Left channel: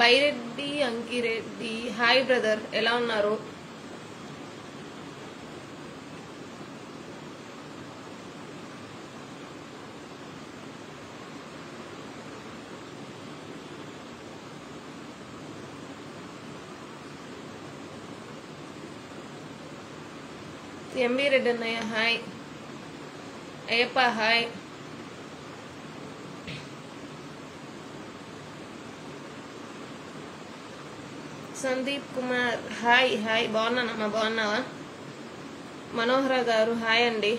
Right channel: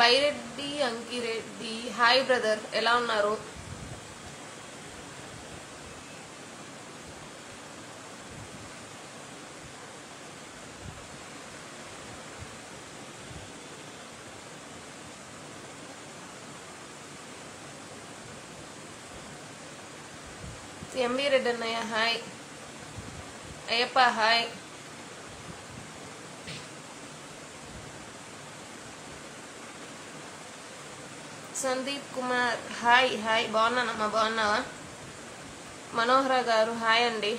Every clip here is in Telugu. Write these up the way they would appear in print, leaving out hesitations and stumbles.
బైరెడ్డి అంకిరెడ్డి, హాయ్ బ్రదర్, ఎలా ఉన్నారు? ఎండి రెడ్డి అన్నయ్య hi, Ayyappa hi, Sandeep Kumar hi hi, బాగున్నానమ్మా, బాగున్నావా? మనోహర గారు హాయ్ అండి.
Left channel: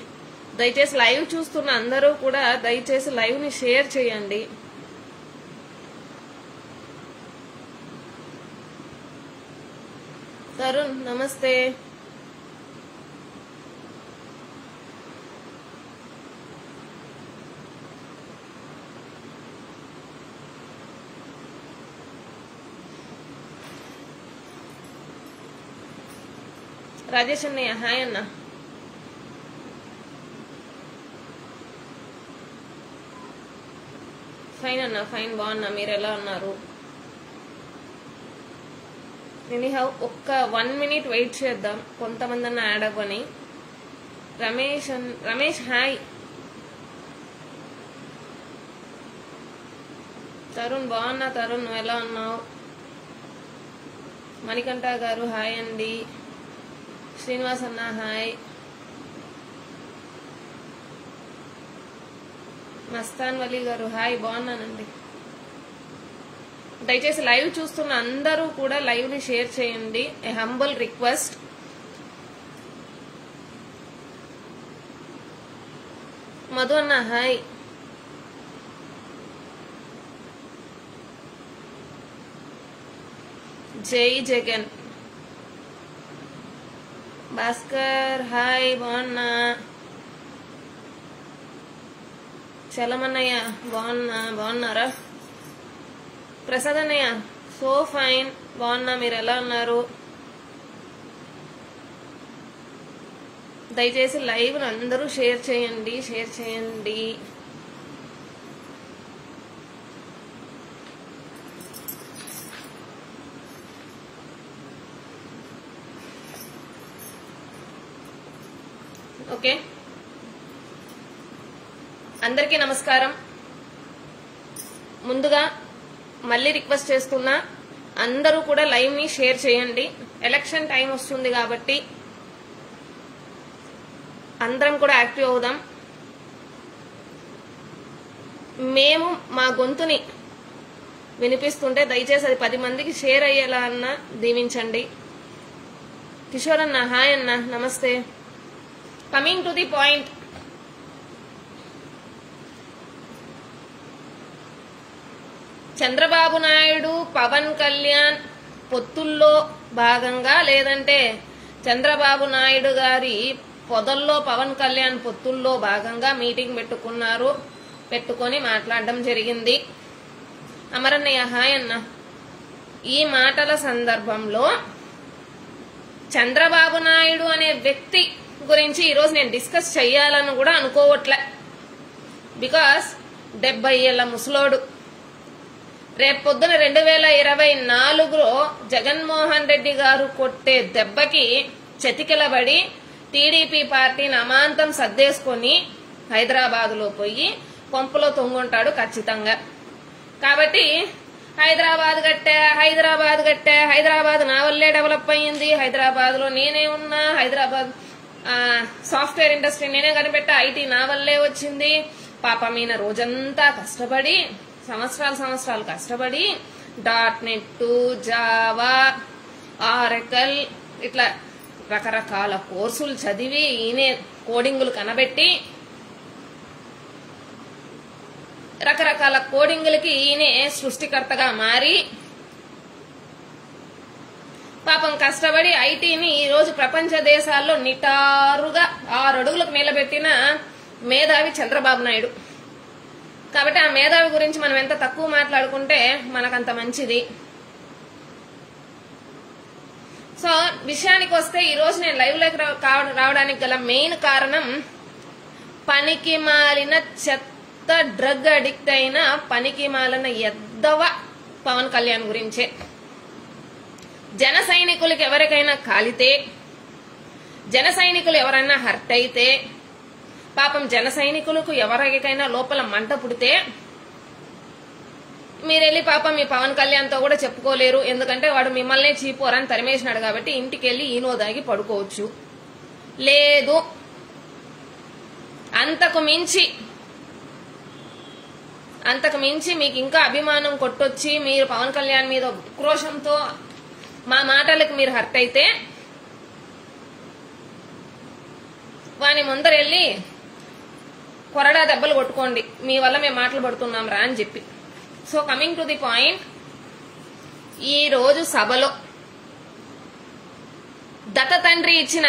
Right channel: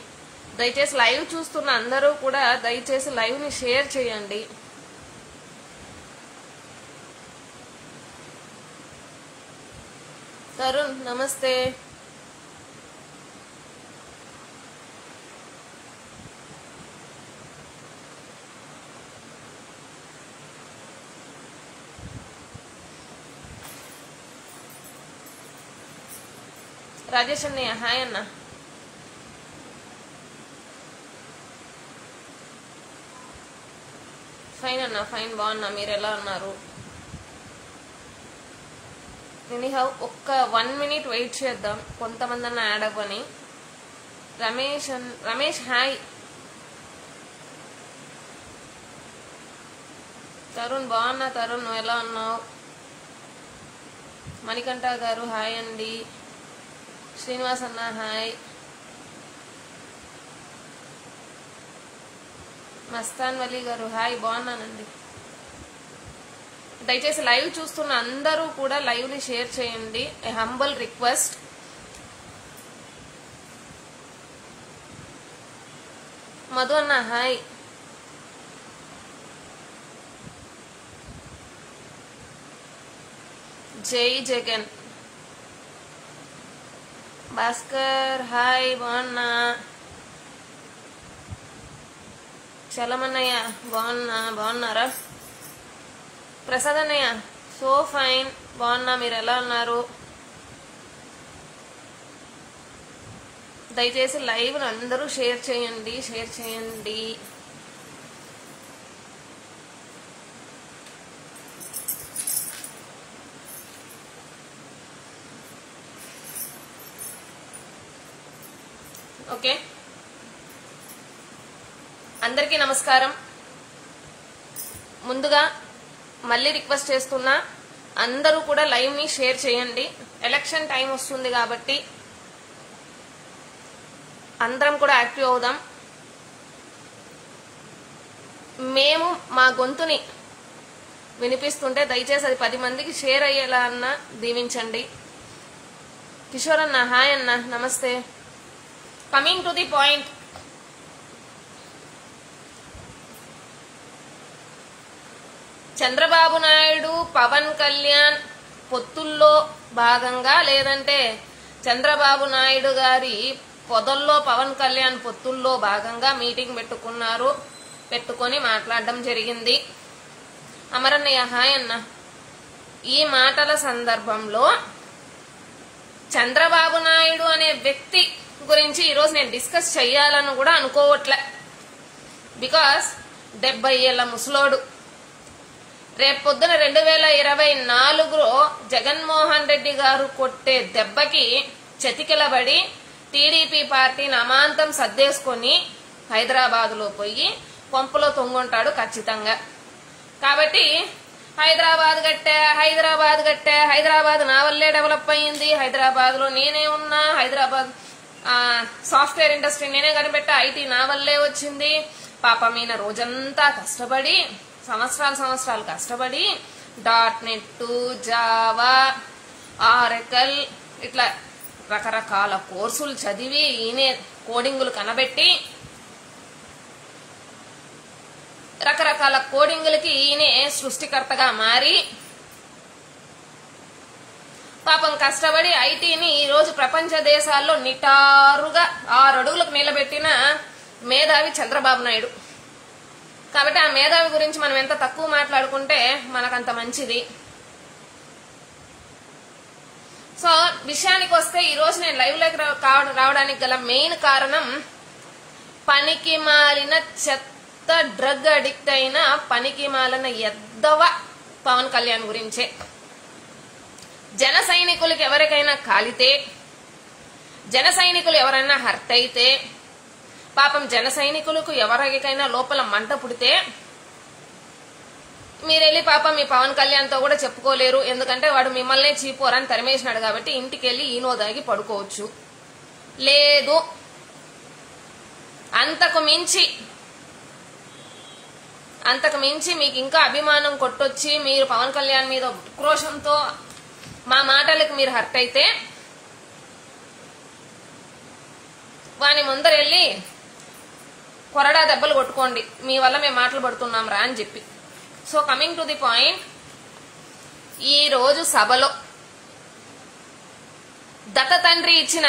దయచేసి లైవ్ చూస్తున్న అందరూ కూడా దయచేసి లైవ్ ని షేర్ చేయండి. తరుణ్ నమస్తే. రాజేష్ అన్నయ్య హాయ్ అన్న. ఫైన్ అన్న, ఫైన్, బాగున్నా, మీరు ఎలా ఉన్నారు? ఎనీహౌ ఒక్క 1 minute వెయిట్ చేద్దాం, కొంతమంది అన్న యాడ్ అవ్వని. రమేష్ హాయ్. తరుణ్ బాగున్నా, తరుణ్ నువ్వు ఎలా ఉన్నావు? మణికంఠ గారు హాయ్ అండి. శ్రీనివాస్ అన్న హాయ్. మస్తాన్ వలీ గారు హాయ్, బాగున్నానండి. దయచేసి లైవ్ చూస్తున్న అందరూ కూడా లైవ్ ని షేర్ చేయండి, ఏ హంబల్ రిక్వెస్ట్. మధు అన్న హాయ్. జై జగన్. భాస్కర్ హాయ్, బాగున్నా. చలమన్నయ్య బాగున్నారా? ప్రసాద్ అన్నయ్య సో ఫైన్, బాగున్నా, మీరు ఎలా ఉన్నారు? దయచేసి లైవ్ అందరూ షేర్ చేయండి, షేర్ చేయండి. ఓకే, అందరికీ నమస్కారం. ముందుగా మళ్ళీ రిక్వెస్ట్ చేస్తున్నా, అందరూ కూడా లైవ్ ని షేర్ చేయండి. ఎలక్షన్ టైం వస్తుంది కాబట్టి అందరం కూడా యాక్టివ్ అవుదాం. మేము మా గొంతుని వినిపిస్తుంటే దయచేసి అది 10 మందికి షేర్ అయ్యేలా అన్న దీవించండి. కిషోర్ అన్న హాయ్ అన్న, నమస్తే. Coming to the point, Chandrababu Naidu Pawan Kalyan పొత్తుల్లో భాగంగా, లేదంటే చంద్రబాబు నాయుడు గారి పొదల్లో పవన్ కళ్యాణ్ పొత్తుల్లో భాగంగా మీటింగ్ పెట్టుకొని మాట్లాడడం జరిగింది. అమరన్నయ్య హాయ్ అన్న. ఈ మాటల సందర్భంలో చంద్రబాబు నాయుడు అనే వ్యక్తి గురించి ఈరోజు నేను డిస్కస్ చెయ్యాలని కూడా అనుకోవట్లే. బికాస్ 70 ఏళ్ల ముసలోడు. రేపు పొద్దున 2024లో జగన్మోహన్ రెడ్డి గారు కొట్టే దెబ్బకి చతికిలబడి టీడీపీ పార్టీని అమాంతం సర్దేసుకొని హైదరాబాద్ లో పోయి పంపులో తొంగుంటాడు ఖచ్చితంగా. కాబట్టి హైదరాబాద్ కట్టే, హైదరాబాద్ నా వల్లే డెవలప్ అయ్యింది, హైదరాబాద్ లో నేనే ఉన్నా, హైదరాబాద్ సాఫ్ట్వేర్ ఇండస్ట్రీ నేనే కనిపెట్టా, ఐటీ నా వల్లే వచ్చింది. పాపం ఈయన రోజంతా కష్టపడి, సంవత్సరాలు కష్టపడి .NET, జావా, ఆరకల్ ఇట్లా రకరకాల కోర్సులు చదివి ఈయనే కోడింగులు కనబెట్టి, రకరకాల కోడింగులకి ఈయనే సృష్టికర్తగా మారి పాపం కష్టపడి ఐటీని ఈ రోజు ప్రపంచ దేశాల్లో నిటారుగా 6 అడుగులకు నిలబెట్టిన మేధావి చంద్రబాబు నాయుడు. కాబట్టి ఆ మేధావి గురించి మనం ఎంత తక్కువ మాట్లాడుకుంటే మనకంత మంచిది. సో విషయానికి వస్తే ఈ రోజు నేను లైవ్ లోకి రావడానికి గల మెయిన్ కారణం, పనికి మాలిన చెత్త డ్రగ్ అడిక్ట్ అయిన పనికి మాలిన ఎద్దవ పవన్ కళ్యాణ్ గురించే. జన సైనికులకి ఎవరికైనా కాలితే, జన సైనికులు ఎవరైనా హర్ట్ అయితే, పాపం జన సైనికులకు ఎవరికైనా లోపల మంట పుడితే మీరెళ్ళి పాపం మీ పవన్ కళ్యాణ్ తో కూడా చెప్పుకోలేరు. ఎందుకంటే వాడు మిమ్మల్నే చీపోరని తరిమేసినాడు కాబట్టి ఇంటికి వెళ్ళి ఈనోదాగి పడుకోవచ్చు. లేదు అంతకు మించి మీకు ఇంకా అభిమానం కొట్టొచ్చి మీరు పవన్ కళ్యాణ్ మీద ఉక్రోషంతో మా మాటలకు మీరు హర్ట్ అయితే వాని ముందరెళ్ళి కొరడా దెబ్బలు కొట్టుకోండి, మీ వల్ల మేము మాటలు పడుతున్నాం రా అని చెప్పి. So coming to the point, ఈ రోజు సభలో దత్త తండ్రి ఇచ్చిన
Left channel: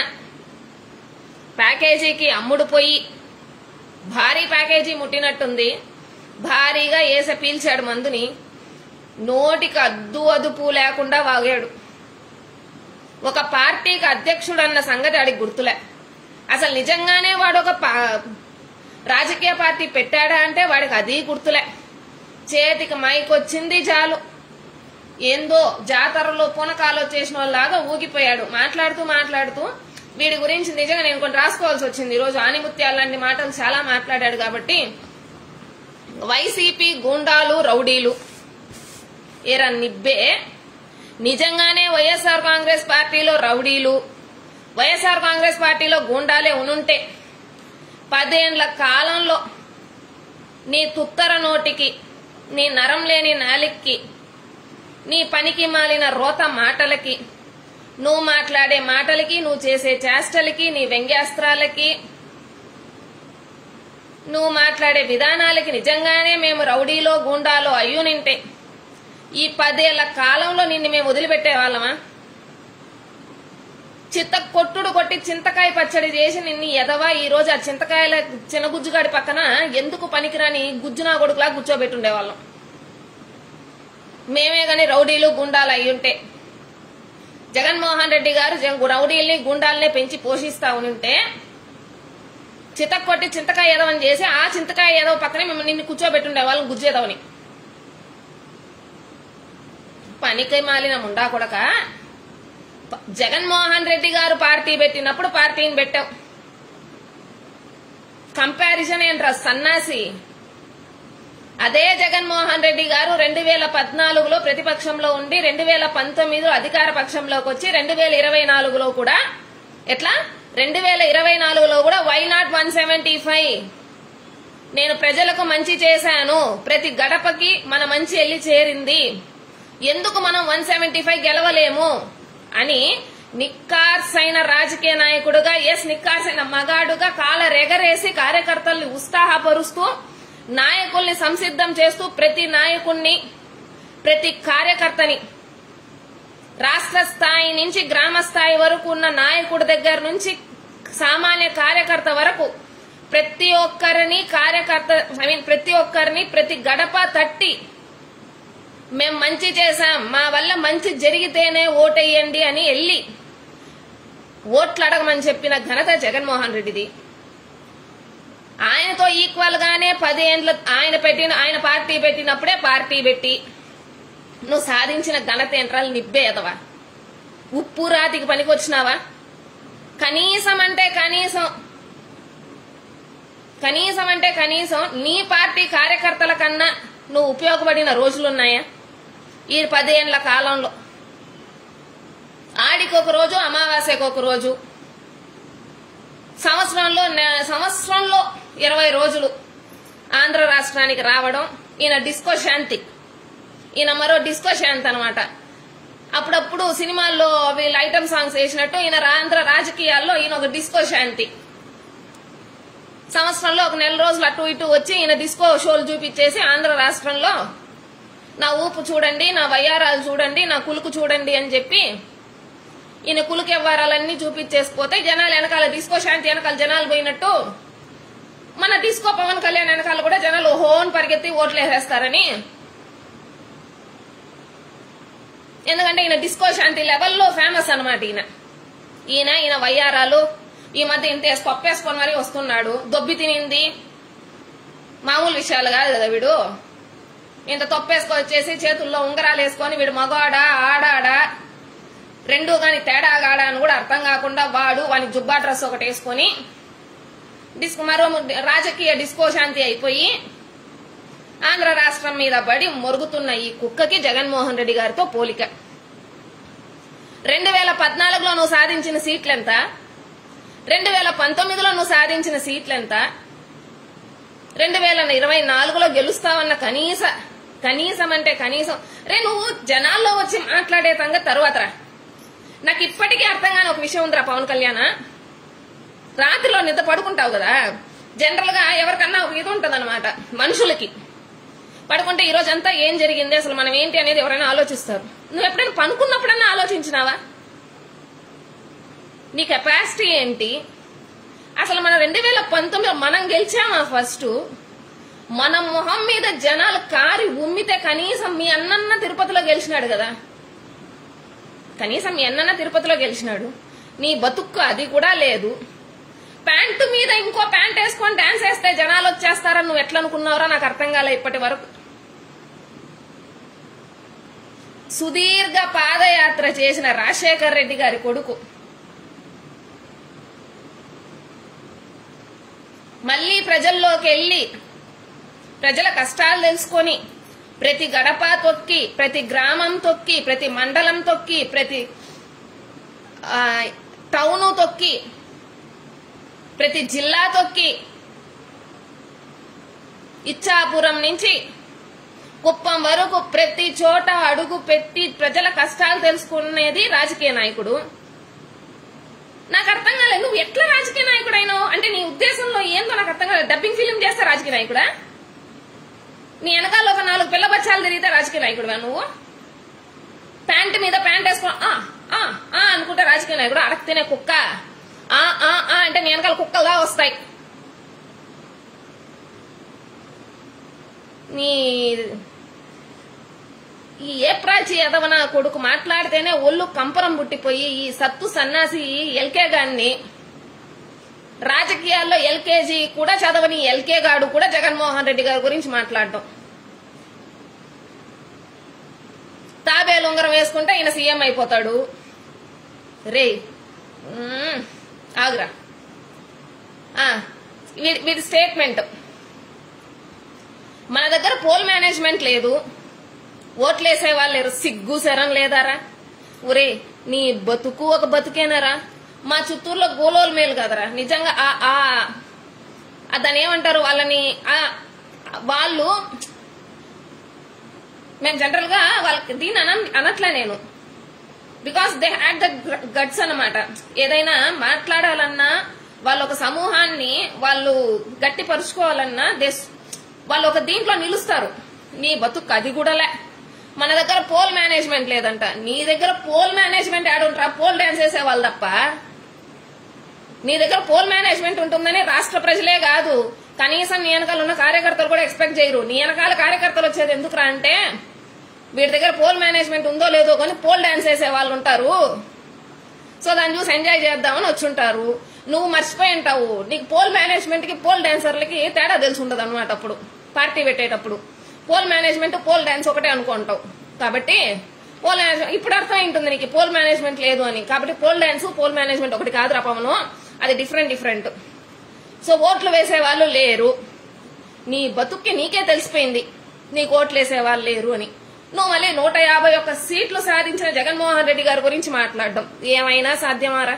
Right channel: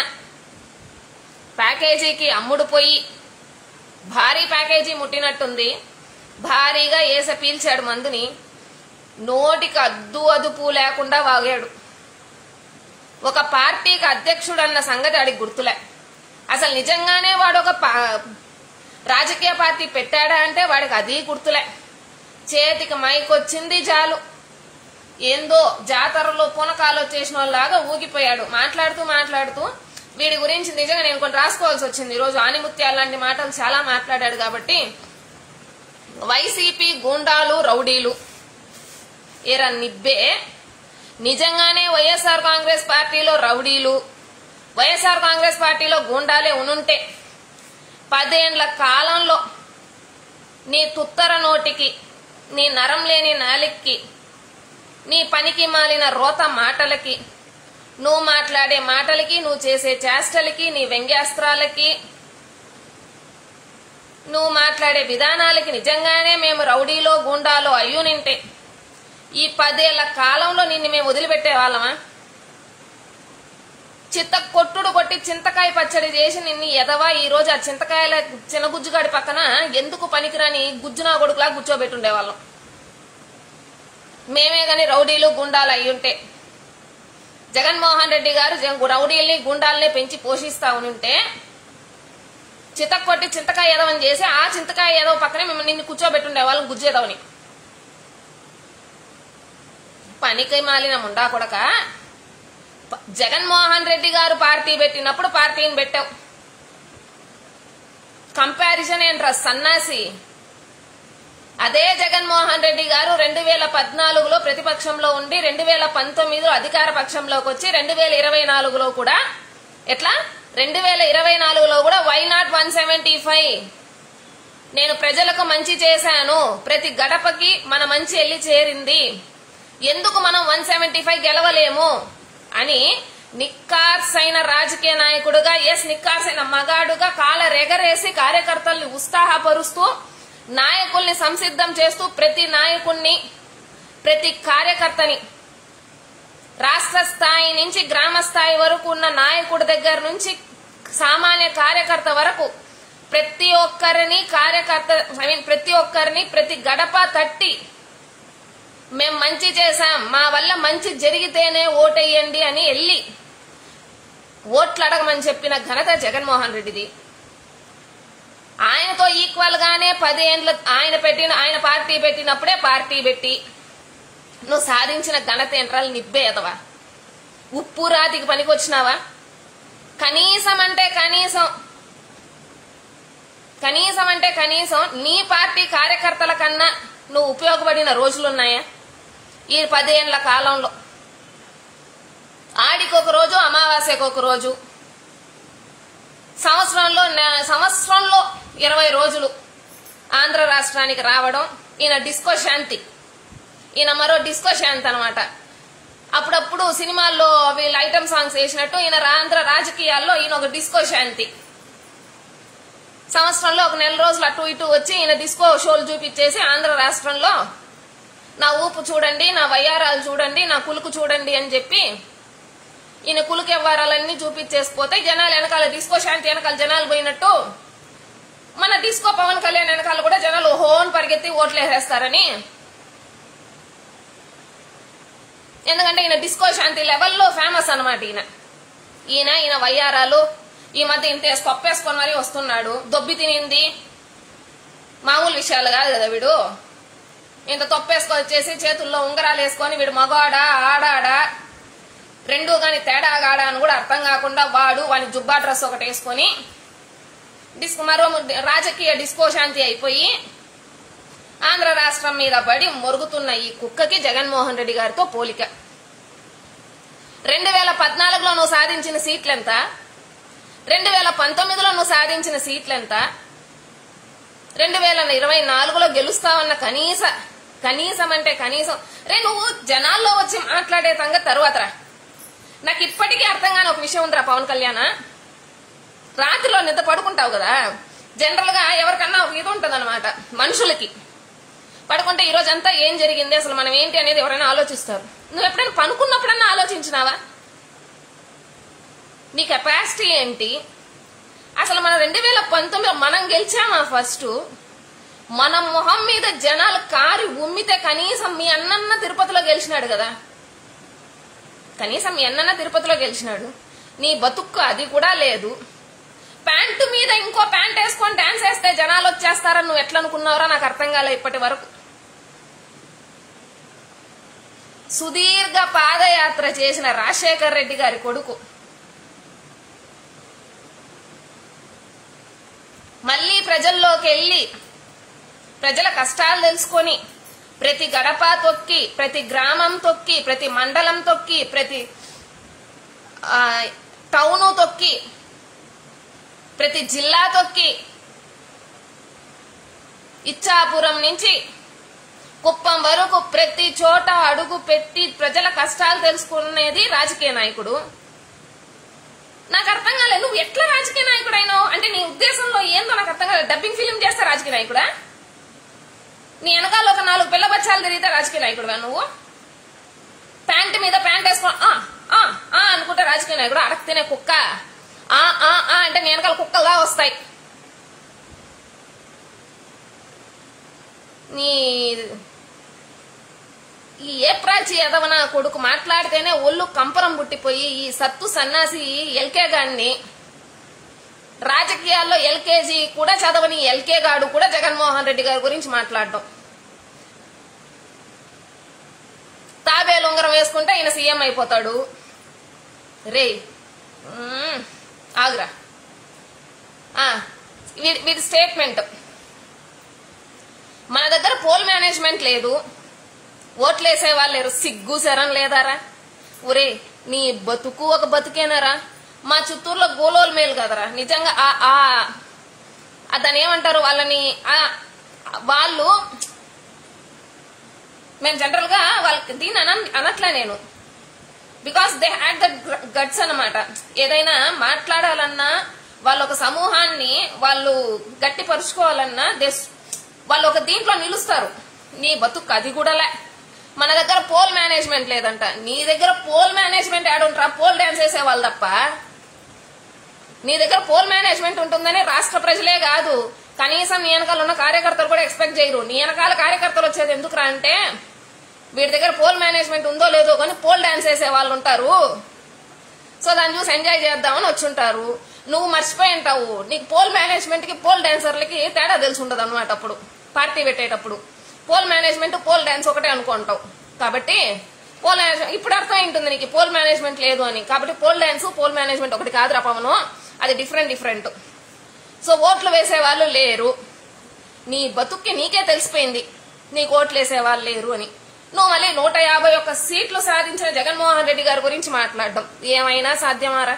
ప్యాకేజీకి అమ్ముడు పోయి భారీ ప్యాకేజీ ముట్టినట్టుంది. భారీగా ఏస పీల్చాడు మందుని, నోటికి అదుపు లేకుండా వాగాడు. ఒక పార్టీకి అధ్యక్షుడు అన్న సంగతి ఆడికి గుర్తులే. అసలు నిజంగానే వాడు ఒక రాజకీయ పార్టీ పెట్టాడా అంటే వాడికి అది గుర్తులే. చేతికి మైక్ వచ్చింది చాలు, ఏందో జాతరలో పూనకాలు వచ్చేసిన వాళ్ళలాగా ఊగిపోయాడు. మాట్లాడుతూ వీడి గురించి నిజంగా నేను కొన్ని రాసుకోవాల్సి వచ్చింది. ఈరోజు ఆనిముత్యాలు లాంటి మాటలు చాలా మాట్లాడాడు కాబట్టి, వైసీపీ గూండాలు రౌడీలు ఏరా నిబ్బే, నిజంగానే వైఎస్ఆర్ కాంగ్రెస్ పార్టీలో రౌడీలు, వైఎస్ఆర్ కాంగ్రెస్ పార్టీలో గూండాలే ఉనుంటే 10 ఏళ్ల కాలంలో నీ తుత్తర నోటికి, నీ నరం లేని నాలికి, నీ పనికి మాలిన రోత మాటలకి, నువ్వు మాట్లాడే మాటలకి, నువ్వు చేసే చేష్టలకి, నీ వ్యంగ్యాస్త్రాలకి, నువ్వు మాట్లాడే విధానాలకి నిజంగానే మేము రౌడీలో గూండాలో అయ్యునింటే ఈ 10 ఏళ్ల కాలంలో నిన్ను మేము వదిలిపెట్టే వాళ్ళమా? కొట్టుడు కొట్టి చింతకాయ పచ్చడి చేసి నిన్ను ఎదవా ఈ రోజు ఆ చింతకాయల చిన్నగుజ్జుగాడి పక్కన ఎందుకు పనికిరాని గుజ్జునా కొడుకులా కూర్చోబెట్టుండేవాళ్ళం. మేమే గాని రౌడీలు గుండాలు అయ్యుంటే, జగన్మోహన్ రెడ్డి గారు రౌడీల్ని గుండాల్ని పెంచి పోషిస్తా ఉంటే కొట్టి చింతకాయ ఎదవని చేసి ఆ చింతకాయ ఎదవ పక్కనే మేము నిన్ను కూర్చోబెట్టుండేవాళ్ళం గుజ్జేదవని. పనికి మాలిన ముండా కొడక, జగన్మోహన్ రెడ్డి గారు పార్టీ పెట్టినప్పుడు పార్టీని పెట్టావు. కంపారిజన్ ఏంట్రా సన్నాసి? అదే జగన్మోహన్ రెడ్డి గారు 2014లో ప్రతిపక్షంలో ఉండి 2019లో అధికార పక్షంలోకి వచ్చి 2024లో కూడా 2024లో కూడా వై నాట్ 175? నేను ప్రజలకు మంచి చేశాను, ప్రతి గడపకి మన మంచి వెళ్లి చేరింది, ఎందుకు మనం 175 గెలవలేము అని నిక్కార్సైన రాజకీయ నాయకుడుగా, నిక్కార్సైన మగాడుగా కాలరెగరేసి కార్యకర్తల్ని ఉత్సాహపరుస్తూ, నాయకుల్ని సంసిద్ధం చేస్తూ, ప్రతి నాయకుణ్ణి, ప్రతి కార్యకర్తని, రాష్ట్ర స్థాయి నుంచి గ్రామ స్థాయి వరకు ఉన్న నాయకుడి దగ్గర నుంచి సామాన్య కార్యకర్త వరకు ప్రతి ఒక్కరిని ప్రతి గడప తట్టి మేం మంచి చేశాం, మా వల్ల మంచి జరిగితేనే ఓటేయండి అని వెళ్ళి ఓట్లు అడగమని చెప్పిన ఘనత జగన్మోహన్ రెడ్డిది. ఆయనతో ఈక్వల్ గానే 10 ఏళ్లు ఆయన పార్టీ పెట్టినప్పుడే పార్టీ పెట్టి నువ్వు సాధించిన ఘనత ఏంట్రాలు నిబ్బే ఎదవా? ఉప్పు రాతికి పనికొచ్చినావా? కనీసం అంటే కనీసం నీ పార్టీ కార్యకర్తల కన్నా నువ్వు ఉపయోగపడిన రోజులున్నాయా ఈ 10 ఏళ్ల కాలంలో? ఆడికి ఒక రోజు, అమావాస్యకు ఒక రోజు, సంవత్సరంలో 20 రోజులు ఆంధ్ర రాష్ట్రానికి రావడం. ఈయన డిస్కో శాంతి, ఈయన మరో డిస్కో శాంతి అనమాట. అప్పుడప్పుడు సినిమాల్లో వీళ్ళు ఐటమ్ సాంగ్స్ వేసినట్టు ఈయన ఆంధ్ర రాజకీయాల్లో ఈయన ఒక డిస్కో శాంతి. సంవత్సరంలో ఒక 4 రోజులు అటు ఇటు వచ్చి ఈయన డిస్కో షోలు చూపించేసి ఆంధ్ర రాష్ట్రంలో నా ఊపు చూడండి, నా వయ్యారాలు చూడండి, నా కులుకు చూడండి అని చెప్పి ఈయన కులుకు వ్యవహారాలన్నీ చూపించేసిపోతే జనాలు వెనకాల, డిస్కో శాంతి వెనకాల జనాలు పోయినట్టు మన డిస్కో పవన్ కళ్యాణ్ వెనకాల కూడా జనాలు హోన్ పరిగెత్తి ఓట్లు వేసేస్తారని. ఎందుకంటే ఈయన డిస్కో శాంతి లెవెల్లో ఫేమస్ అనమాట. ఈయన వయ్యారాలు ఈ మధ్య ఇంత తప్పేసుకొని మరీ వస్తున్నాడు. దొబ్బి తినింది మామూలు విషయాలు కాదు కదా వీడు. ఇంత తొప్పేసుకొచ్చేసి చేతుల్లో ఉంగరాలు వేసుకొని వీడు మగాడా ఆడాడా రెండు గాని తేడాగాడా అని కూడా అర్థం కాకుండా వాని జుబ్బా డ్రెస్ ఒకటి వేసుకొని మరో రాజకీయ డిస్కో శాంతి అయిపోయి ఆంధ్ర రాష్ట్రం మీద పడి మొరుగుతున్న ఈ కుక్కకి జగన్మోహన్ రెడ్డి గారితో పోలిక. 2014లో నువ్వు సాధించిన సీట్లెంత, 2019లో నువ్వు సాధించిన సీట్లెంత, 2024లో గెలుస్తావన్న కనీసం అంటే కనీసం నువ్వు జనాల్లో వచ్చి మాట్లాడే సంగతి తరువాత నాకు ఇప్పటికీ అర్థం కాని ఒక విషయం ఉందిరా పవన్ కళ్యాణ్. రాత్రిలో నిద్ర పడుకుంటావు కదా, జనరల్ గా ఎవరికన్నా ఒక ఇది ఉంటది అనమాట, మనుషులకి పడుకుంటే ఈ రోజంతా ఏం జరిగింది అసలు మనం ఏంటి అనేది ఎవరైనా ఆలోచిస్తారు. నువ్వు ఎప్పుడైనా పనుకున్నప్పుడన్నా ఆలోచించినావా? నీ కెపాసిటీ ఏంటి అసలు? మన 2019లో మనం గెలిచామా? ఫస్ట్ మన మొహం మీద జనాలు కారి ఉమ్మితే కనీసం మీ అన్నన్న తిరుపతిలో గెలిచినాడు కదా, కనీసం మీ అన్నన్న తిరుపతిలో గెలిచినాడు. నీ బతుక్కు అది కూడా లేదు. ప్యాంటు మీద ఇంకో ప్యాంట్ వేసుకొని డాన్స్ వేస్తే జనాలు వచ్చేస్తారని నువ్వు ఎట్లా అనుకున్నారో నాకు అర్థం కాలే ఇప్పటి వరకు. సుదీర్ఘ పాదయాత్ర చేసిన రాజశేఖర్ రెడ్డి గారి కొడుకు మళ్లీ ప్రజల్లోకి వెళ్లి ప్రజల కష్టాలు తెలుసుకొని ప్రతి గడప తొక్కి, ప్రతి గ్రామం తొక్కి, ప్రతి మండలం తొక్కి, ప్రతి టౌను తొక్కి, ప్రతి జిల్లా తొక్కి, ఇచ్చాపురం నుంచి కుప్పం వరకు ప్రతి చోట అడుగు పెట్టి ప్రజల కష్టాలు తెలుసుకునేది రాజకీయ నాయకుడు. నాకు అర్థం కాలేదు, నువ్వు ఎట్లా రాజకీయ నాయకుడు అయినావు అంటే నీ ఉద్దేశంలో ఏందో నాకు అర్థం కాలేదు. డబ్బింగ్ ఫిలిం చేస్తే రాజకీయ నాయకుడా? నీ వెనకాల ఒక 4 పిల్ల బచ్చాలు తిరిగితే రాజకీయ నాయకుడుగా నువ్వు? ప్యాంటు మీద ప్యాంట్ వేసుకో అనుకుంటే రాజకీయ నాయకుడు? అడగ తినే కుక్క అంటే నీ వెనకాల కుక్కలా వస్తాయి. నీ ఈ ఏప్రాచి ఎదవన కొడుకు మాట్లాడితేనే ఒళ్ళు కంపరం పుట్టిపోయి ఈ సత్తు సన్నాసి ఎల్కే గాడిని, రాజకీయాల్లో ఎల్కేజీ కూడా చదవని ఎల్కే గాడు కూడా జగన్మోహన్ రెడ్డి గారి గురించి మాట్లాడటం. తాబేలు ఉంగరం వేసుకుంటే ఈయన సీఎం అయిపోతాడు. రే ఆగురా, వీడి స్టేట్మెంట్, మన దగ్గర పోల్ మేనేజ్మెంట్ లేదు, ఓట్లేసే వాళ్ళు లేరు, సిగ్గు శరం లేదారా? ఒరే నీ బతుకు ఒక బతుకేనారా? మా చిత్తూరులో గోలోలు మేలు కదరా నిజంగా. దాన్ని ఏమంటారు వాళ్ళని, వాళ్ళు మేము జనరల్ గా వాళ్ళకి దీన్ని అనట్లే నేను, because they had the guts అన్నమాట. ఏదైనా మాట్లాడాలన్నా వాళ్ళు ఒక సమూహాన్ని వాళ్ళు గట్టిపరుచుకోవాలన్నా వాళ్ళు ఒక దీంట్లో నిలుస్తారు. నీ బతుకు అది కూడాలే. మన దగ్గర పోల్ మేనేజ్మెంట్ లేదంట. నీ దగ్గర పోల్ మేనేజ్మెంట్ యాడుంటారా? పోల్ డాన్స్ వేసే వాళ్ళు తప్ప. నీ దగ్గర పోల్ మేనేజ్మెంట్ ఉంటుందని రాష్ట్ర ప్రజలే కాదు, కనీసం నీ వెనకాల ఉన్న కార్యకర్తలు కూడా ఎక్స్పెక్ట్ చేయరు. నీ వెనకాల కార్యకర్తలు వచ్చేది ఎందుకురా అంటే వీడి దగ్గర పోల్ మేనేజ్మెంట్ ఉందో లేదో కానీ పోల్ డాన్స్ వేసే వాళ్ళు ఉంటారు, సో దాన్ని చూసి ఎంజాయ్ చేద్దామని వచ్చుంటారు. నువ్వు మర్చిపోయి ఉంటావు, నీకు పోల్ మేనేజ్మెంట్ కి పోల్ డాన్సర్లకి తేడా తెలిసి ఉండదు అనమాట. అప్పుడు పార్టీ పెట్టేటప్పుడు పోల్ మేనేజ్మెంట్ పోల్ డాన్స్ ఒకటే అనుకుంటావు. కాబట్టి పోల్ ఇప్పుడు అర్థం ఉంటుంది నీకు పోల్ మేనేజ్మెంట్ లేదు అని. కాబట్టి పోల్ డాన్స్ పోల్ మేనేజ్మెంట్ ఒకటి కాదురా పవను, అది డిఫరెంట్. సో ఓట్లు వేసే వాళ్ళు లేరు. నీ బతుక్కి నీకే తెలిసిపోయింది నీకు ఓట్లు వేసే వాళ్ళు లేరు అని. నువ్వు మళ్ళీ 151 సీట్లు సాధించిన జగన్మోహన్ రెడ్డి గారి గురించి మాట్లాడడం ఏమైనా సాధ్యమారా?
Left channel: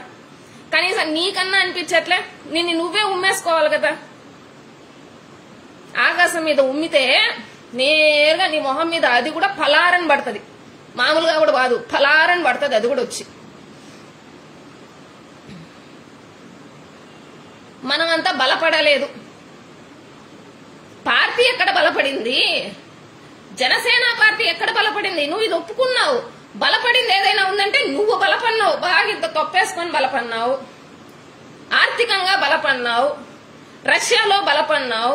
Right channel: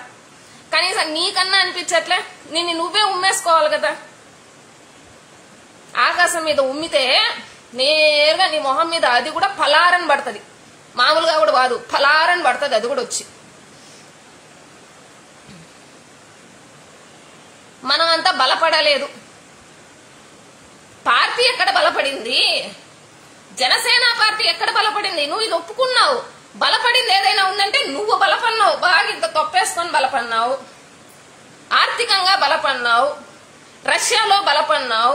కనీసం నీకన్నా అనిపించట్లే? నిన్ను నువ్వే ఉమ్మేసుకోవాలి కదా. ఆకాశం మీద ఉమ్మితే నేరుగా నీ మొహం మీద అది కూడా ఫలారని పడుతుంది, మామూలుగా కూడా కాదు, ఫలారని పడుతుంది అది కూడా వచ్చి. మనం అంతా బలపడలేదు. పార్టీ ఎక్కడ బలపడింది? జనసేన పార్టీ ఎక్కడ బలపడింది? నువ్వు ఇది ఒప్పుకున్నావు. బలపడింది ఏదైనా ఉందంటే నువ్వు బలపడినావు, బాగా ఇంత తొప్పేసుకొని బలపడినావు, ఆర్థికంగా బలపడినావు, రష్యాలో బలపడినావు,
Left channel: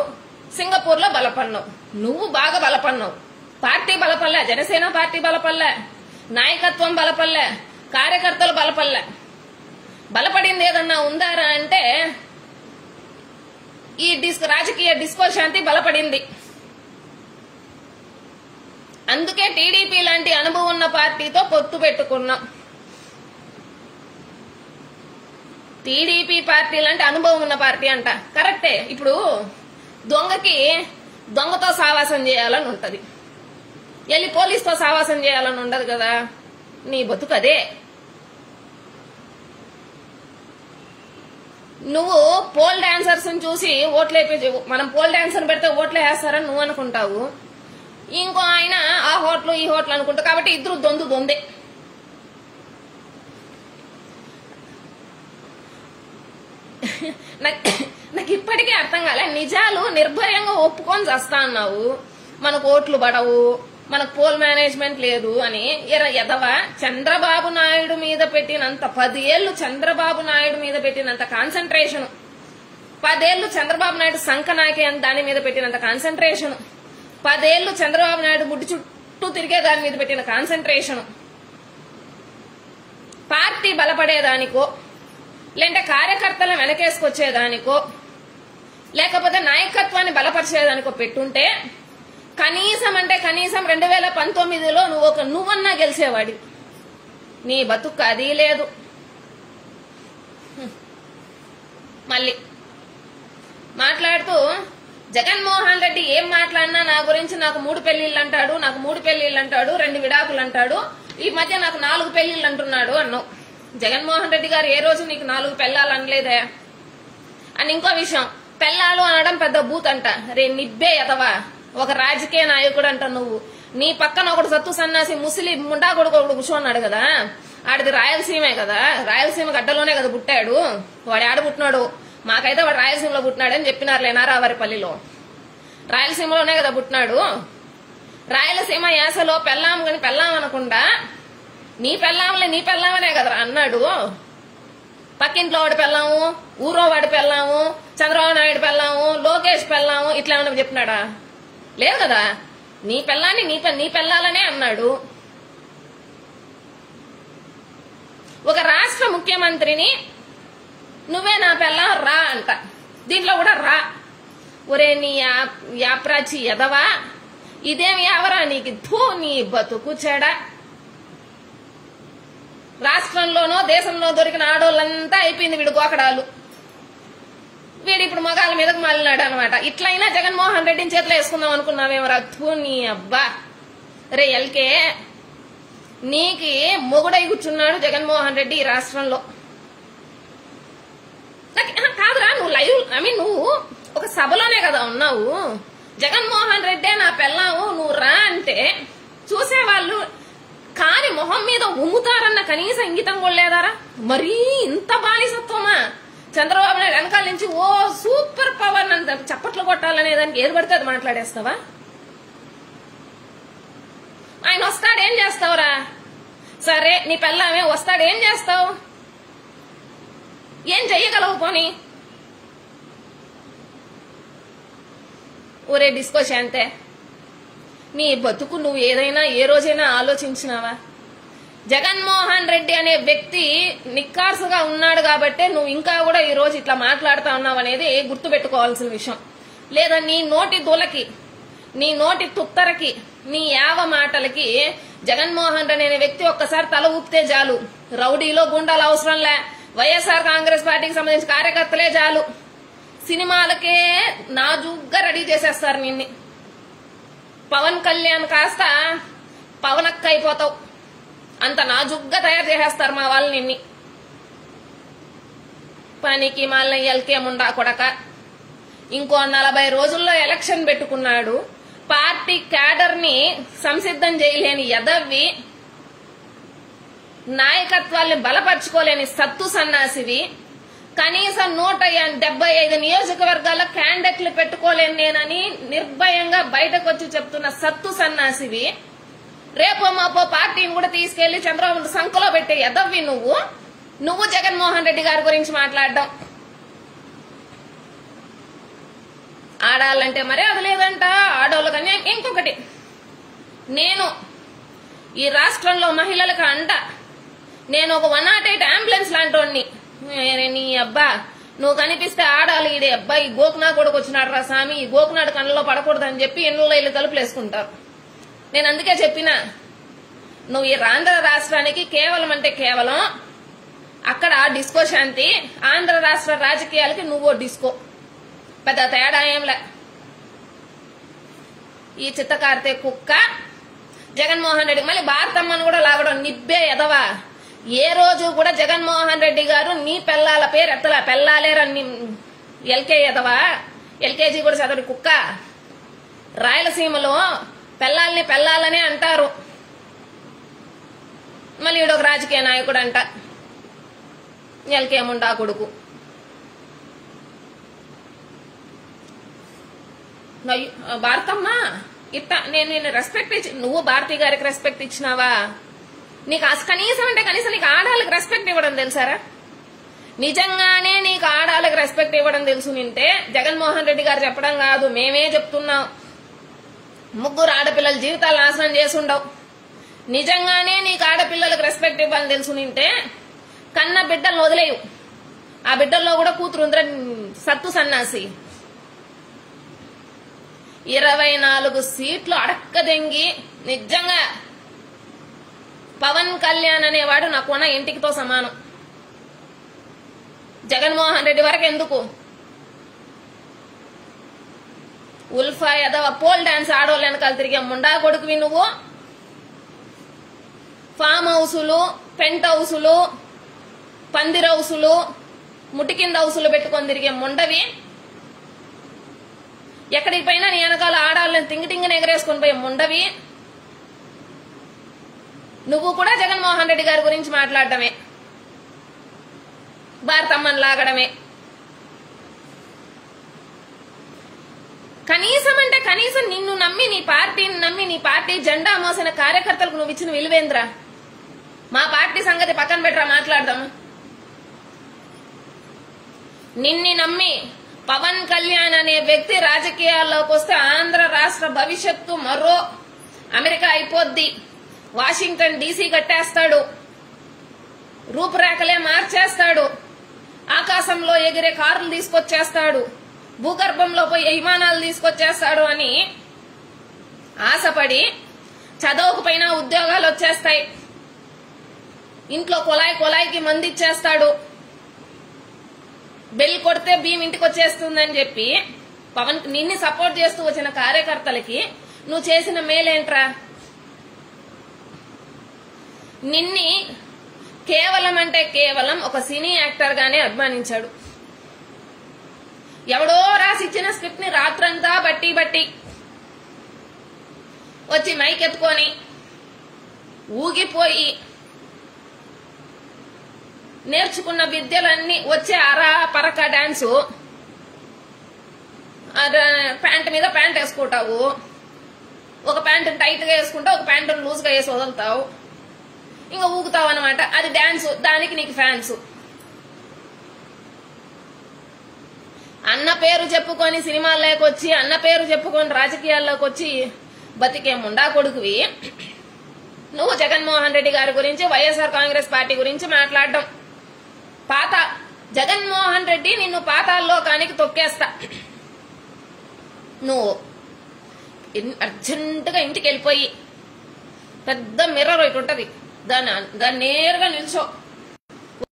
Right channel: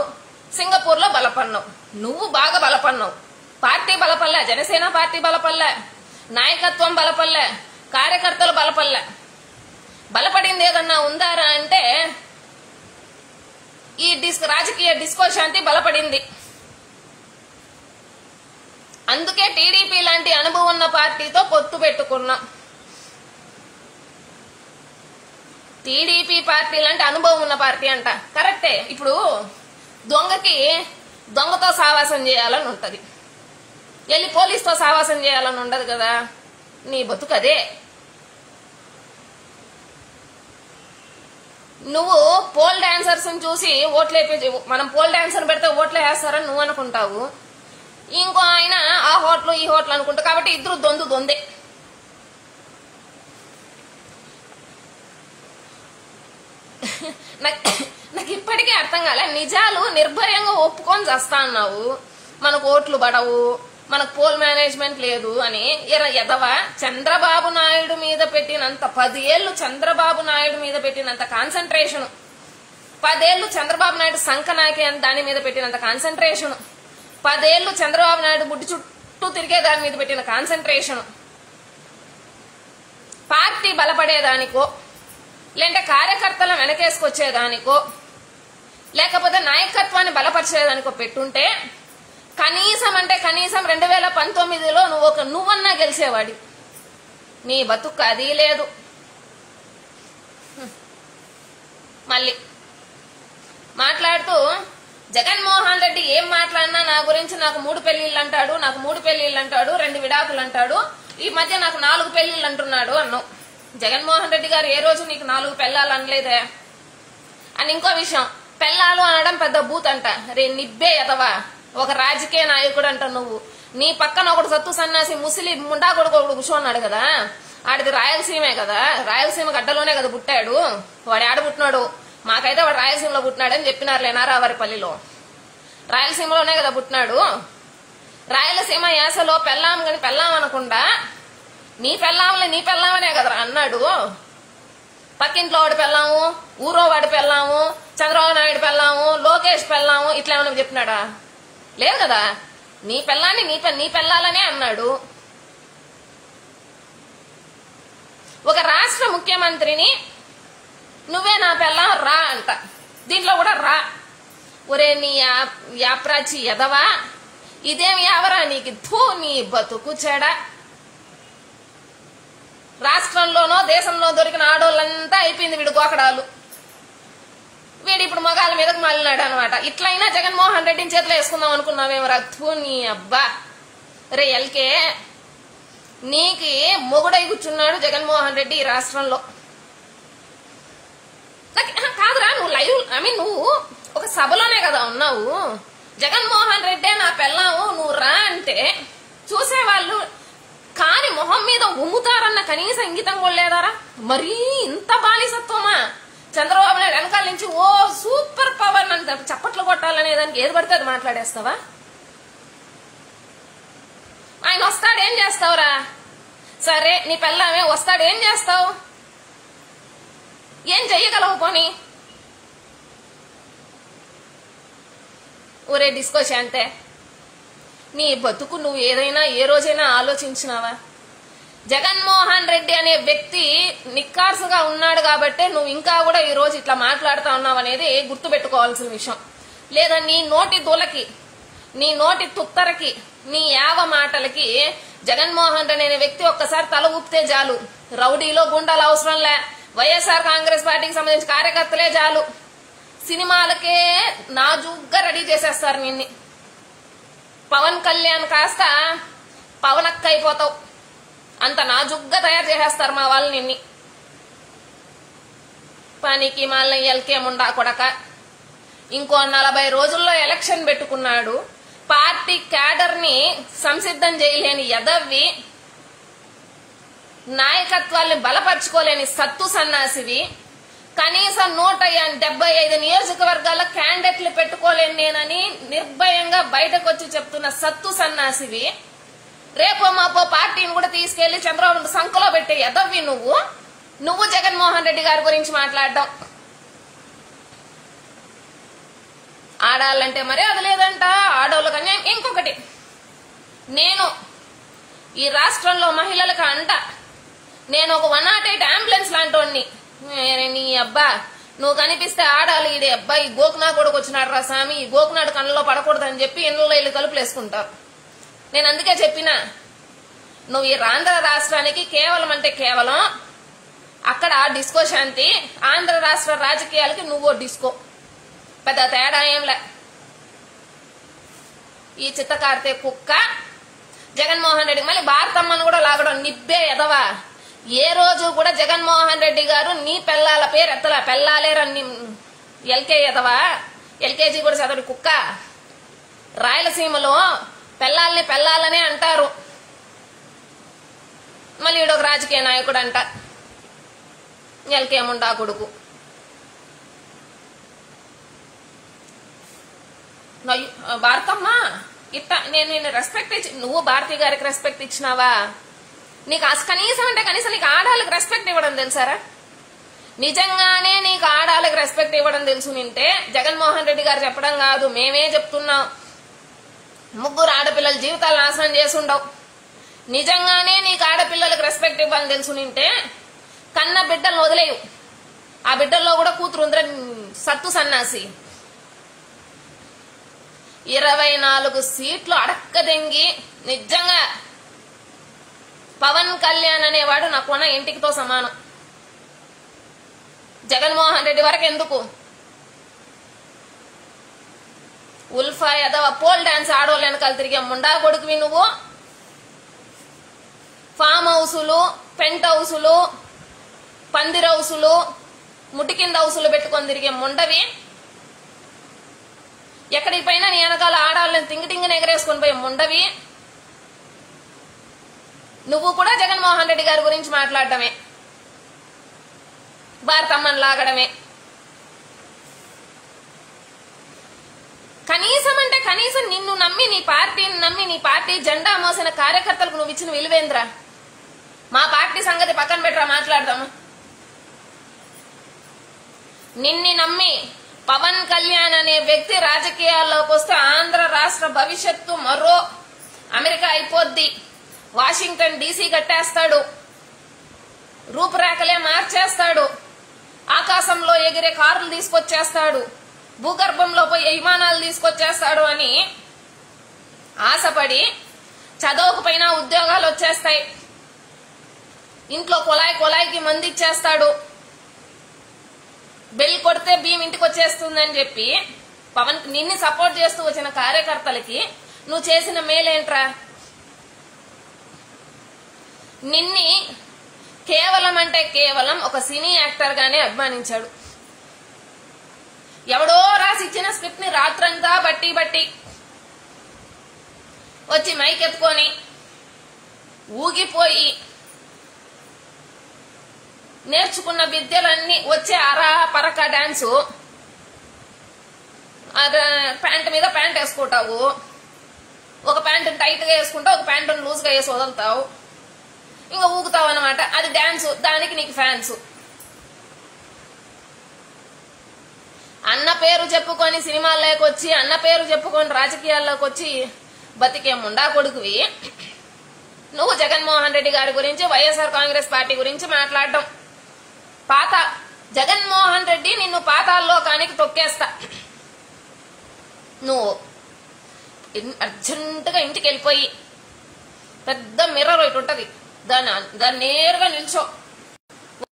సింగపూర్ లో బలపడినావు. నువ్వు బాగా బలపడినావు. పార్టీ బలపడలే, జనసేన పార్టీ బలపడలే, నాయకత్వం బలపడలే, కార్యకర్తలు బలపడలే. బలపడింది ఏదన్నా ఉందారా అంటే ఈ రాజకీయ డిస్కో శాంతి బలపడింది. అందుకే టీడీపీ లాంటి అనుభవం ఉన్న పార్టీతో పొత్తు పెట్టుకున్నాం. టీడీపీ పార్టీ లాంటి అనుభవం ఉన్న పార్టీ అంట, కరెక్టే. ఇప్పుడు దొంగతో సావాసం చేయాలని ఉంటది, వెళ్ళి పోలీసుతో సావాసం చేయాలని ఉండదు కదా. నీ బతుకు అదే. నువ్వు పోల్ డాన్సర్స్ చూసి ఓట్లేపి, మనం పోల్ డాన్సర్ పెడితే ఓట్లు వేస్తారని నువ్వు అనుకుంటావు, ఇంకో ఆయన ఆ హోటల్ ఈ హోటల్ అనుకుంటా. కాబట్టి ఇద్దరు దొందే. నాకు ఇప్పటికీ అర్థం కాలే. నిజాలు నిర్భయంగా ఒప్పుకొని చేస్తా అన్నావు, మనకు ఓట్లు పడవు, మనకు పోల్ మేనేజ్మెంట్ లేదు అని. ఎదవా చంద్రబాబు నాయుడు మీద పెట్టినంత 10 ఏళ్లు చంద్రబాబు నాయుడు మీద పెట్టినంత కాన్సన్ట్రేషన్, 10 ఏళ్లు చంద్రబాబు నాయుడు సంకనాకి అని దాని మీద పెట్టినంత కాన్సన్ట్రేషన్, 10 ఏళ్లు చంద్రబాబు నాయుడు గుడ్డి చుట్టూ తిరిగే దాని మీద పెట్టిన కాన్సన్ట్రేషన్, పార్టీ బలపడేదానికో, లేదంటే కార్యకర్తలను వెనకేసుకొచ్చేదానికో, లేకపోతే నాయకత్వాన్ని బలపరిచేదానికో పెట్టుంటే కనీసం 2019లో నువ్వన్నా గెలిచేవాడి. నీ బతుకు అది లేదు. మళ్ళీ మాట్లాడుతూ జగన్మోహన్ రెడ్డి ఏం మాట్లాడినా నా గురించి నాకు 3 పెళ్లిళ్ళు అంటాడు, 2 విడాకులు అంటాడు, ఈ మధ్య నాకు 4 పెళ్లిళ్ళు అంటున్నాడు అన్నావు. జగన్మోహన్ రెడ్డి గారు ఏ రోజు నీకు 4 పెళ్ళాలు అనలేదే. అని ఇంకో విషయం, పెళ్ళాలు అనడం పెద్ద బూత్ అంట. రే నిబ్బే ఎదవా, ఒక రాజకీయ నాయకుడు అంట నువ్వు. నీ పక్కన ఒకడు సత్తు సన్నాసి ముస్లిం ముండా కొడుకు ఒకడు కూర్చోన్నాడు కదా, ఆడిది రాయలసీమే కదా, రాయలసీమ గడ్డలోనే కదా పుట్టాడు. వాడు ఆడ పుట్టినాడు, మాకైతే వాడు రాయలసీమలో పుట్టినాడని చెప్పినారు లేనారావారిపల్లిలో. రాయలసీమలోనే కదా పుట్టినాడు. రాయలసీమ యాసలో పెళ్ళాం కాని పెళ్ళాం అనకుండా నీ పెళ్ళామనే కదరా అన్నాడు. పక్కింట్లో వాడి పెళ్ళాము, ఊరో వాడి పెళ్ళాము, చంద్రబాబు నాయుడు పెళ్ళాము, లోకేష్ పెళ్ళాము, ఇట్లా ఏమన్నా చెప్పినాడా? లేదు కదా. నీ పెళ్ళాన్ని నీ పెళ్ళాలనే అన్నాడు. ఒక రాష్ట్ర ముఖ్యమంత్రిని నువ్వే నా పెళ్ళాం రా అంట, దీంట్లో కూడా రా. ఒరే నీ యాప్రాచి ఎదవా, ఇదేమి ఎవరా నీకు? నీ బతుకు చెడ. రాష్ట్రంలోనో దేశంలో దొరికిన ఆడోళ్ళంతా అయిపోయింది వీడు గోకడాలు. వీడు ఇప్పుడు మగాళ్ళ మీదకు మళ్ళినాడు అనమాట. ఇట్లయినా జగన్మోహన్ రెడ్డిని చేతిలో వేసుకుందాం అనుకున్నావేమో రథు నీ అబ్బా. రే ఎల్కే, నీకి మొగుడై కూర్చున్నాడు జగన్మోహన్ రెడ్డి ఈ రాష్ట్రంలో. కాదురా, నువ్వు ఒక సభలోనే కదా ఉన్నావు. జగన్మోహన్ రెడ్డే నా పెళ్ళావు నువ్వు రా అంటే చూసేవాళ్ళు కాని మొహం మీద ఉమ్ముతారన్న కనీస ఇంగితం కూడా లేదారా? మరీ ఇంత బానిసత్వమా? చంద్రబాబు నాయుడు వెనకాల నుంచి ఓ సూపర్ పవర్ అని చప్పట్లు కొట్టాలనే దానికి ఏది పడితే అది మాట్లాడేస్తావా? ఆయన వస్తాడేం చేస్తావురా? సరే నీ పెళ్ళామే వస్తాడేం చేస్తావు? ఏం చెయ్యగలవు? పోనీ ఊరే డిస్కో శాంతే. నీ బతుకు నువ్వు ఏదైనా ఏ రోజైనా ఆలోచించినావా? జగన్మోహన్ రెడ్డి అనే వ్యక్తి నిక్కార్సుగా ఉన్నాడు కాబట్టే నువ్వు ఇంకా కూడా ఈ రోజు ఇట్లా మాట్లాడుతా ఉన్నావు అనేది గుర్తుపెట్టుకోవాల్సిన విషయం. లేదా నీ నోటి దూలకి, నీ నోటి తుత్తరకి, నీ యావ మాటలకి జగన్మోహన్ రెడ్డి అనే వ్యక్తి ఒక్కసారి తల ఊపితే చాలు. రౌడీలో గుండాలు అవసరంలే, వైఎస్ఆర్ కాంగ్రెస్ పార్టీకి సంబంధించిన కార్యకర్తలే చాలు, సినిమాలకే నాజుగ్గా రెడీ చేసేస్తారు నిన్ను. పవన్ కళ్యాణ్ కాస్త పవనక్క అయిపోతావు, అంత నాజుగ్గా తయారు చేసేస్తారు మా వాళ్ళు నిన్ని. పనికి మళ్ళీ ఎల్కేముండా కొడక. ఇంకో 40 రోజుల్లో ఎలక్షన్ పెట్టుకున్నాడు. పార్టీ క్యాడర్ ని సంసిద్ధం చేయలేని యదవ్వి, నాయకత్వాన్ని బలపరుచుకోలేని సత్తు సన్నాసివి, కనీసం 175 నియోజకవర్గాల క్యాండిడేట్లు పెట్టుకోలేను నేనని నిర్భయంగా బయటకు వచ్చి చెప్తున్న సత్తు సన్నాసివి, రేపో మాపో పార్టీని కూడా తీసుకెళ్లి చంద్రబాబు సంఖలో పెట్టే యదవ్వి నువ్వు జగన్మోహన్ రెడ్డి గారి గురించి మాట్లాడడం. ఆడాలంటే మరే అది లేదంట, ఆడవాళ్ళకి అన్యాయం. ఇంకొకటి, నేను ఈ రాష్ట్రంలో మహిళలకు అంట, నేను ఒక 108 అంబులెన్స్ లాంటి నీ అబ్బా నువ్వు కనిపిస్తే ఆడాలి ఈడే అబ్బా ఈ గోకునా కూడా వచ్చినాడు రా స్వామి, ఈ గోకునాడు కళ్ళలో పడకూడదని చెప్పి ఎన్నులో ఇల్లు తలుపులు వేసుకుంటారు. నేను అందుకే చెప్పినా, నువ్వు ఈ ఆంధ్ర రాష్ట్రానికి కేవలం అంటే కేవలం అక్కడ డిస్కో శాంతి, ఆంధ్ర రాష్ట్ర రాజకీయాలకి నువ్వు డిస్కో, పెద్ద తేడా ఏంలే. ఈ చిత్తకార్తె కుక్క జగన్మోహన్ రెడ్డి మళ్ళీ భారతమ్మను కూడా లాగడం నిబ్బే ఎదవా. ఏ రోజు కూడా జగన్మోహన్ రెడ్డి గారు నీ పెళ్ళాల పేరు ఎత్తలా, పెళ్ళాలేరా ఎల్కే ఎదవా, ఎల్కేజీ కూడా చదవడు కుక్క. రాయలసీమలో పెళ్ళాలని పెళ్ళాలనే అంటారు, మళ్ళీ ఈడొక రాజకీయ నాయకుడు అంట, ఎల్కేముండా కొడుకు. భారతమ్మ ఇట్లా నేను రెస్పెక్ట్ ఇచ్చి, నువ్వు భారతి గారికి రెస్పెక్ట్ ఇచ్చినావా? నీకు కనీసం అంటే కనీసం నీకు ఆడాలకు రెస్పెక్ట్ ఇవ్వడం తెలుసారా? నిజంగానే నీకు ఆడాలకు రెస్పెక్ట్ ఇవ్వడం తెలుసు నింటే జగన్మోహన్ రెడ్డి గారు చెప్పడం కాదు, మేమే చెప్తున్నాం. 3 ఆడపిల్లల జీవితాలు నాశనం చేసుండవు. నిజంగానే నీకు ఆడపిల్లలకు రెస్పెక్ట్ ఇవ్వాలని తెలుసు నింటే కన్న బిడ్డలను వదిలేవు. ఆ బిడ్డల్లో కూడా కూతురు ఉందిరా సత్తు సన్నాసి. 24 సీట్లు అడక్కదెంగి నిజంగా పవన్ కళ్యాణ్ అనేవాడు నా కొన ఇంటికితో సమానం. జగన్మోహన్ రెడ్డి వరకు ఎందుకు? ఉల్ఫా యాదవ్ పోల్ డాన్స్ ఆడోళ్ళు వెనకాల తిరిగే ముండా కొడుకువి నువ్వు. ఫామ్ హౌసులు, పెంట్ హౌసులు, పందిర్ హౌసులు, ముటికింద హౌసులు పెట్టుకొని తిరిగే ముండవి. ఎక్కడికి పోయినా నీ వెనకాల ఆడాలని తింగిటింగిని ఎగరేసుకొని పోయే ముండవి. నువ్వు కూడా జగన్మోహన్ రెడ్డి గారి గురించి మాట్లాడటమే, భారతమ్మని లాగడమే. కనీసం అంటే కనీసం నిన్ను నమ్మి, నీ పార్టీని నమ్మి, నీ పార్టీ జెండా మోసిన కార్యకర్తలకు నువ్వు ఇచ్చిన విలువేంద్ర? మా పార్టీ సంగతి పక్కన పెట్టరా, మాట్లాడదాము. నిన్ని నమ్మి పవన్ కళ్యాణ్ అనే వ్యక్తి రాజకీయాల్లోకి వస్తే ఆంధ్ర రాష్ట్ర భవిష్యత్తు మరో అమెరికా అయిపోద్ది, వాషింగ్టన్ డీసీ కట్టేస్తాడు, రూపురేఖలే మార్చేస్తాడు, ఆకాశంలో ఎగిరే కార్లు తీసుకొచ్చేస్తాడు, భూగర్భంలో పోయి విమానాలు తీసుకొచ్చేస్తాడు అని ఆశపడి చదవకపోయినా ఉద్యోగాలు వచ్చేస్తాయి, ఇంట్లో కొలాయికి మంది ఇచ్చేస్తాడు, బెల్ కొడితే భీమ్ ఇంటికి వచ్చేస్తుందని చెప్పి పవన్ నిన్ను సపోర్ట్ చేస్తూ వచ్చిన కార్యకర్తలకి నువ్వు చేసిన మేలేంట్రా? నిన్ని కేవలం అంటే కేవలం ఒక సినీ యాక్టర్ గానే అభిమానించాడు. ఎవడో రాసిచ్చిన స్క్రిప్ట్ ని రాత్రంతా బట్టి వచ్చి మైక్ ఎత్తుకొని ఊగిపోయి నేర్చుకున్న విద్యలన్నీ వచ్చే పరక డాన్సు, ప్యాంట్ మీద ప్యాంట్ వేసుకుంటావు, ఒక ప్యాంట్ టైట్ గా వేసుకుంటావు, ఒక ప్యాంట్ లూజ్ గా వేసి వదులుతావు, ఇంకా ఊగుతావు అనమాట. అది డాన్స్, దానికి నీకు ఫ్యాన్స్. అన్న పేరు చెప్పుకొని సినిమాల్లోకి వచ్చి, అన్న పేరు చెప్పుకొని రాజకీయాల్లోకి వచ్చి బతికే ముండా కొడుకువి నువ్వు జగన్మోహన్ రెడ్డి గారి గురించి, వైఎస్ఆర్ కాంగ్రెస్ పార్టీ గురించి మాట్లాడడం. జగన్మోహన్ రెడ్డి నిన్ను పాతాళలోకానికి తొక్కేస్తా. నువ్వు అర్జెంటుగా ఇంటికి వెళ్ళిపోయి పెద్ద మిర్రర్ ఒకటి ఉంటది, దాన్ని నేరుగా నిల్చో,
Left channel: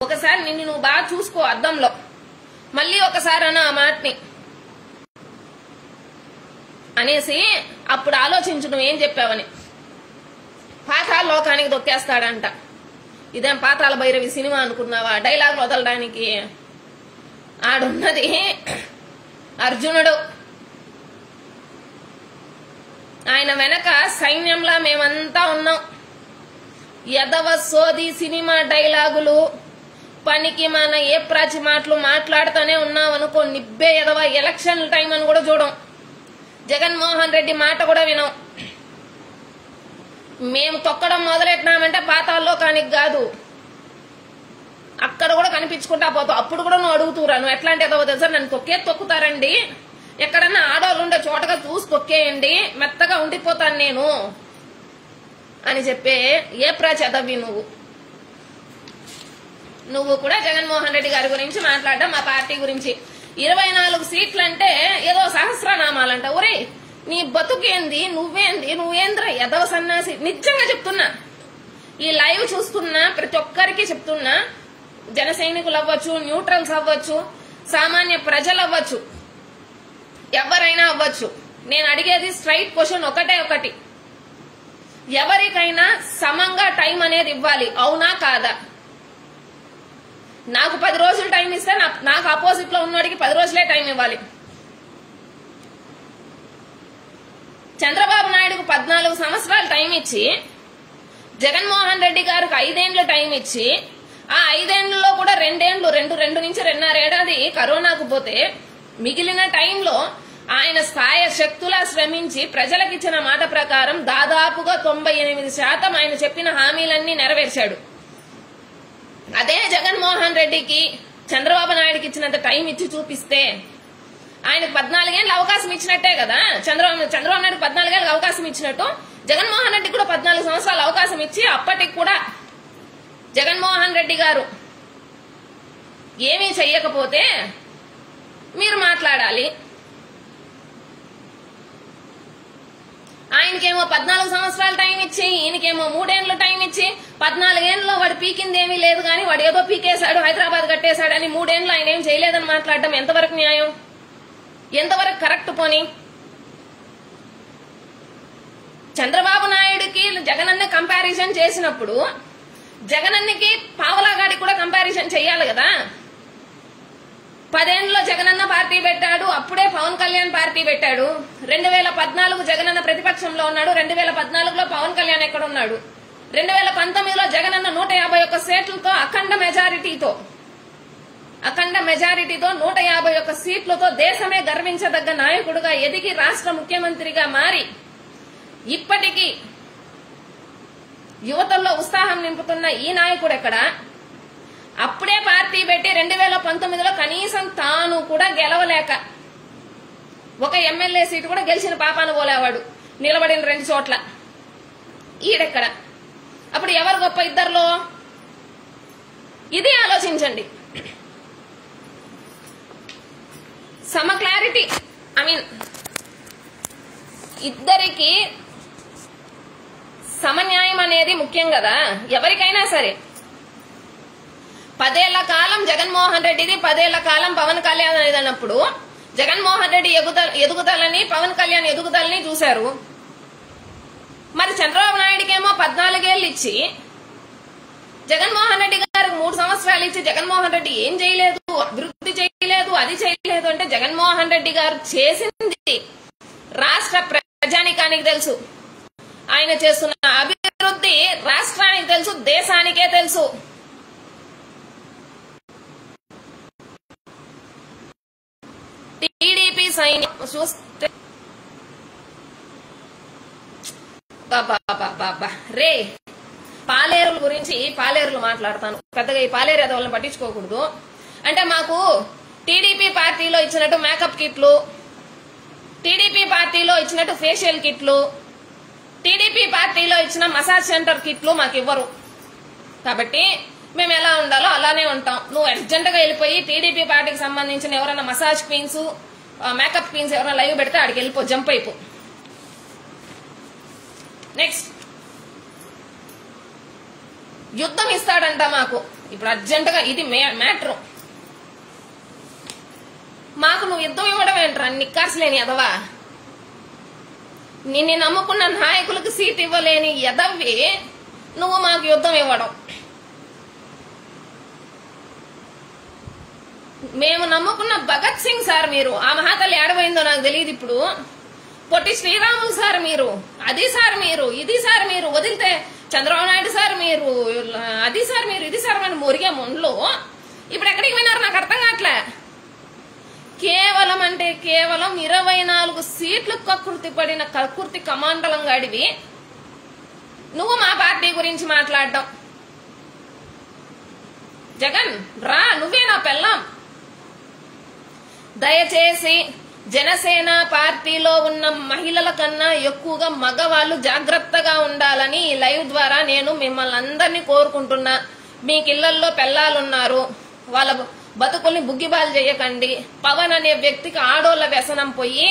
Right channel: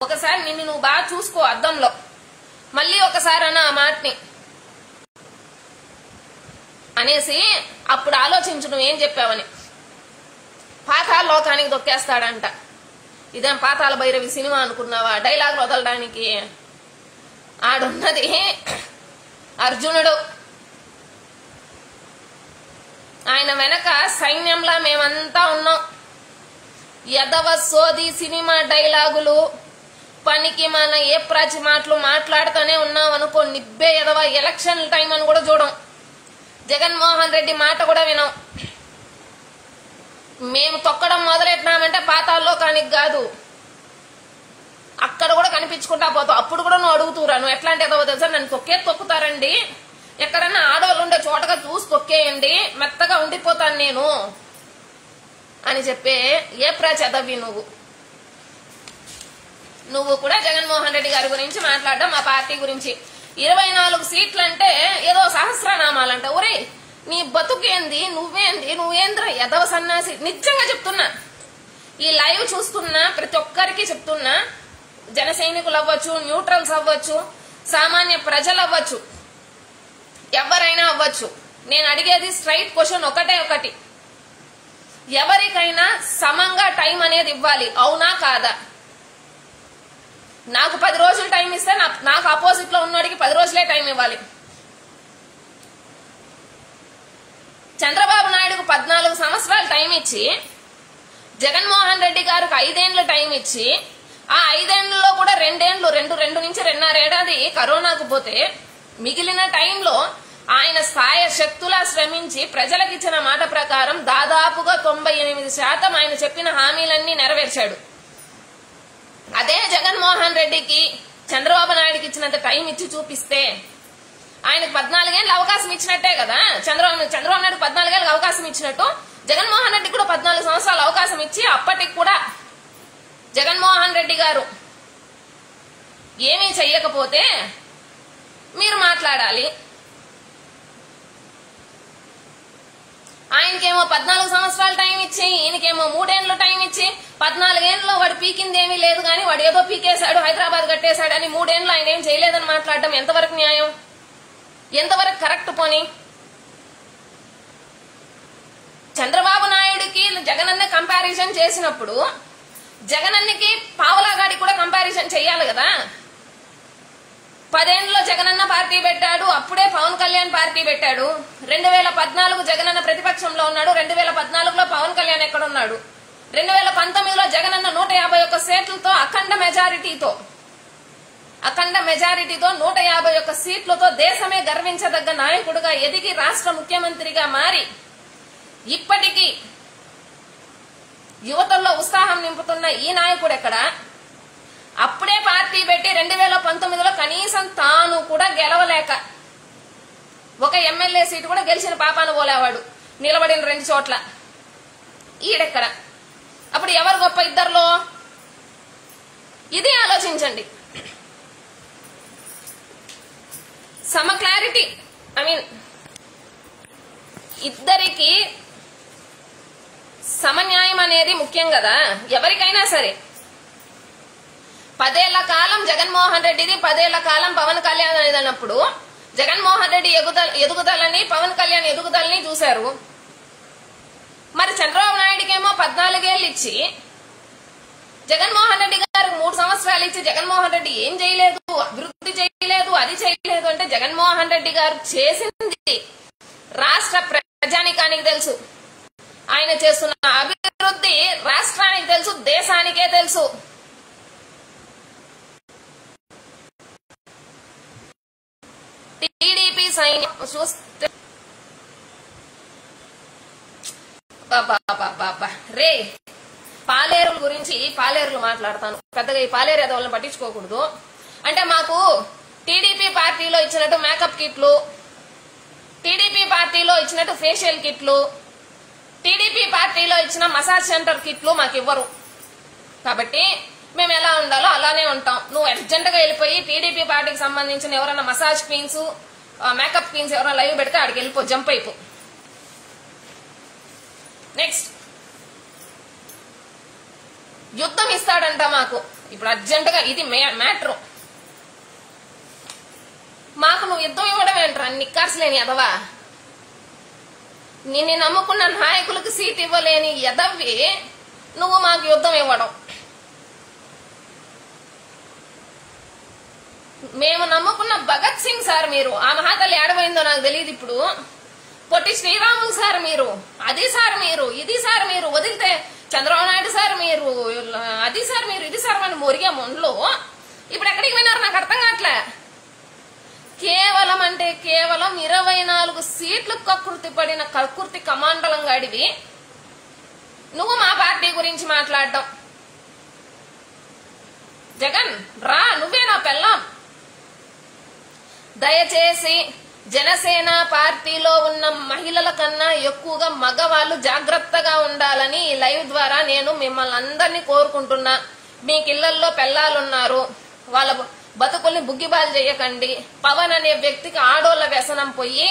ఒకసారి నిన్ను నువ్వు బాగా చూసుకో అద్దంలో, మళ్ళీ ఒకసారి అన్న ఆ మాటని అనేసి అప్పుడు ఆలోచించు నువ్వేం చెప్పావని. పాతాళ లోకానికి తొక్కేస్తాడంట. ఇదేం పాతాళ భైరవి సినిమా అనుకున్నావా డైలాగ్ వదలడానికి? ఆడున్నది అర్జునుడు, ఆయన వెనక సైన్యంలా మేమంతా ఉన్నాం. యదవ సోది సినిమా డైలాగులు పనికి మన ఏ ప్రాచి మాటలు మాట్లాడుతూనే ఉన్నాం అనుకో, నిబ్బే యదవ. ఎలక్షన్ టైం అని కూడా చూడం, జగన్మోహన్ రెడ్డి మాట కూడా వినం. మేము తొక్కడం మొదలెట్టినామంటే పాతాళలోకానికి కాదు, అక్కడ కూడా కనిపించుకుంటా పోతావు. అప్పుడు కూడా నువ్వు అడుగుతురా, నువ్వు ఎట్లాంటి ఎదవో తెలుసా, నన్ను తొక్కేస్తారండి, ఎక్కడన్నా ఆడవాళ్ళు ఉండే చోటగా చూసి తొక్కేయండి, మెత్తగా ఉండిపోతాను నేను అని చెప్పే ఏ ప్రచదవి నువ్వు కూడా జగన్మోహన్ రెడ్డి గారి గురించి మాట్లాడడం, మా పార్టీ గురించి. 24 సీట్లు అంటే ఏదో సహస్రనామాలంట. ఒరే నీ బతుకేంది, నువ్వేంద్రా ఎదవ సన్నాసి. నిజంగా చెప్తున్నా, ఈ లైవ్ చూస్తున్నా ప్రతి ఒక్కరికి చెప్తున్నా, జన సైనికులు అవ్వచ్చు, న్యూట్రల్స్ అవ్వచ్చు, సామాన్య ప్రజలు అవ్వచ్చు, ఎవరైనా అవ్వచ్చు. నేను అడిగేది స్ట్రైట్ క్వశ్చన్ ఒకటి, ఎవరికైనా సమంగా టైం అనేది ఇవ్వాలి, అవునా కాదా? నాకు 10 రోజులు టైం ఇస్తే నాకు ఆపోజిట్ లో ఉన్నోడికి 10 రోజులే టైం ఇవ్వాలి. చంద్రబాబు నాయుడుకు 14 సంవత్సరాలు టైం ఇచ్చి, జగన్మోహన్ రెడ్డి గారికి 5 ఏళ్ల టైం ఇచ్చి, ఆ 5 ఏళ్లలో కూడా 2 నుంచి 2.5 ఏడాది కరోనాకు పోతే, మిగిలిన టైంలో ఆయన సాయ శక్తులా శ్రమించి ప్రజలకు ఇచ్చిన మాట ప్రకారం దాదాపుగా 98% ఆయన చెప్పిన హామీలన్నీ నెరవేర్చాడు. అదే జగన్మోహన్ రెడ్డికి చంద్రబాబు నాయుడుకి ఇచ్చినంత టైం ఇచ్చి చూపిస్తే ఆయనకు 14 ఏళ్ళు అవకాశం ఇచ్చినట్టే కదా. చంద్రబాబు నాయుడు 14 ఏళ్ళకి అవకాశం ఇచ్చినట్టు జగన్మోహన్ రెడ్డికి కూడా 14 సంవత్సరాలు అవకాశం ఇచ్చి, అప్పటికి కూడా జగన్మోహన్ రెడ్డి గారు ఏమీ చెయ్యకపోతే మీరు మాట్లాడాలి. ఆయనకేమో 14 సంవత్సరాలు టైం ఇచ్చి, ఈయనకేమో 3 ఏళ్లు టైం ఇచ్చి, 14 ఏళ్లలో వాడు పీకింది ఏమీ లేదు కానీ వాడు ఏదో పీకేశాడు, హైదరాబాద్ కట్టేశాడని 3 ఏళ్లు ఆయన ఏం చేయలేదని మాట్లాడడం ఎంతవరకు న్యాయం, ఎంతవరకు కరెక్ట్? పోని చంద్రబాబు నాయుడుకి జగనన్న కంపారిజన్ చేసినప్పుడు జగనన్నకి పావలాగాడికి కూడా కంపారిజన్ చెయ్యాలి కదా. 10 ఏళ్లలో జగనన్న పార్టీ పెట్టాడు, అప్పుడే పవన్ కళ్యాణ్ పార్టీ పెట్టాడు. 2014 జగనన్న ప్రతిపక్షంలో ఉన్నాడు, 2014లో పవన్ కళ్యాణ్ ఎక్కడున్నాడు? 2019లో జగనన్న 151 సీట్లతో అఖండ మెజారిటీతో 151 సీట్లతో దేశమే గర్వించదగ్గ నాయకుడుగా ఎదిగి రాష్ట్ర ముఖ్యమంత్రిగా మారి ఇప్పటికీ యువతల్లో ఉత్సాహం నింపుతున్న ఈ నాయకుడు ఎక్కడ? అప్పుడే పార్టీ పెట్టి 2019లో కనీసం తాను కూడా గెలవలేక ఒక ఎమ్మెల్యే సీటు కూడా గెలిచిన పాపాను పోలేవాడు, నిలబడిన 2 చోట్ల. ఈడెక్కడ? అప్పుడు ఎవరు గొప్ప ఇద్దరిలో? ఇది ఆలోచించండి. సమ క్లారిటీ, ఇద్దరికి సమన్యాయం అనేది ముఖ్యం కదా ఎవరికైనా సరే. 10 ఏళ్ల కాలం జగన్మోహన్ రెడ్డిది, 10 ఏళ్ల కాలం పవన్ కళ్యాణ్ అనేది అన్నప్పుడు జగన్మోహన్ రెడ్డి ఎదుగుదలని, పవన్ కళ్యాణ్ ఎదుగుదలని చూశారు. మరి చంద్రబాబు నాయుడికేమో 14 ఏళ్ళు ఇచ్చి, జగన్మోహన్ రెడ్డి గారికి 3 సంవత్సరాలు ఇచ్చి జగన్మోహన్ రెడ్డి ఏం చేయలేదు, అభివృద్ధి చేయలేదు, అది చేయలేదు అంటే జగన్మోహన్ రెడ్డి గారు చేసింది రాష్ట్ర ప్రజానికానికి తెలుసు. ఆయన చేస్తున్న అభివృద్ధి రాష్ట్రానికి తెలుసు, దేశానికే తెలుసు. టీడీపీ సైన్యం చూస్తే రే, పాలేరుల గురించి పాలేరులు మాట్లాడతాను పెద్దగా. ఈ పాలేరు ఎదవలను పట్టించుకోకూడదు. అంటే మాకు టీడీపీ పార్టీలో ఇచ్చినట్టు మేకప్ కిట్లు, టీడీపీ పార్టీలో ఇచ్చినట్టు ఫేషియల్ కిట్లు, టీడీపీ పార్టీలో ఇచ్చిన మసాజ్ సెంటర్ కిట్లు మాకు ఇవ్వరు. కాబట్టి మేము ఎలా ఉండాలో అలానే ఉంటాం. నువ్వు అర్జెంట్ గా వెళ్ళిపోయి టీడీపీ పార్టీకి సంబంధించిన ఎవరైనా మసాజ్ క్వీన్స్, మేకప్ క్వీన్స్ ఎవరైనా లైవ్ పెడితే ఆడికి వెళ్ళిపో, జంప్ అయిపో. నెక్స్ట్, యుద్ధం ఇస్తాడంట మాకు ఇప్పుడు అర్జెంట్ గా. ఇది మ్యాటర్. మాకు నువ్వు యుద్ధం ఇవ్వడం ఏంట్రా నిక్కార్సలేని ఎదవా? నిన్ను నమ్ముకున్న నాయకులకు సీట్ ఇవ్వలేని ఎదవి నువ్వు మాకు యుద్ధం ఇవ్వడం. మేము నమ్ముకున్న భగత్ సింగ్ సార్ మీరు, ఆ మహాతల్లి ఏడమైందో నాకు తెలియదు ఇప్పుడు. పొట్టి శ్రీరాములు సార్ మీరు, అది సార్ మీరు, ఇది సార్ మీరు, వదిలితే చంద్రబాబు నాయుడు సార్ మీరు, అది సార్ మీరు, ఇది సార్ మనం మొరిగే మొండ్లో ఇప్పుడు ఎక్కడికి పోయినారు నాకు అర్థం కావట్లే. కేవలం అంటే కేవలం 24 సీట్లు కక్కుర్తి పడిన కక్కుర్తి కమాండలం గాడివి నువ్వు మా పార్టీ గురించి మాట్లాడడం. జగన్ రా, నువ్వే నా పెళ్ళాం. దయచేసి జనసేన పార్టీలో ఉన్న మహిళల కన్నా ఎక్కువగా మగవాళ్ళు జాగ్రత్తగా ఉండాలని ఈ లైవ్ ద్వారా నేను మిమ్మల్ని అందరినీ కోరుకుంటున్నా. మీకు ఇళ్లల్లో పెళ్లాలున్నారు, వాళ్ళ బతుకుల్ని బుగ్గిబాలు చేయకండి. పవన్ అనే వ్యక్తికి ఆడోళ్ల వ్యసనం పోయి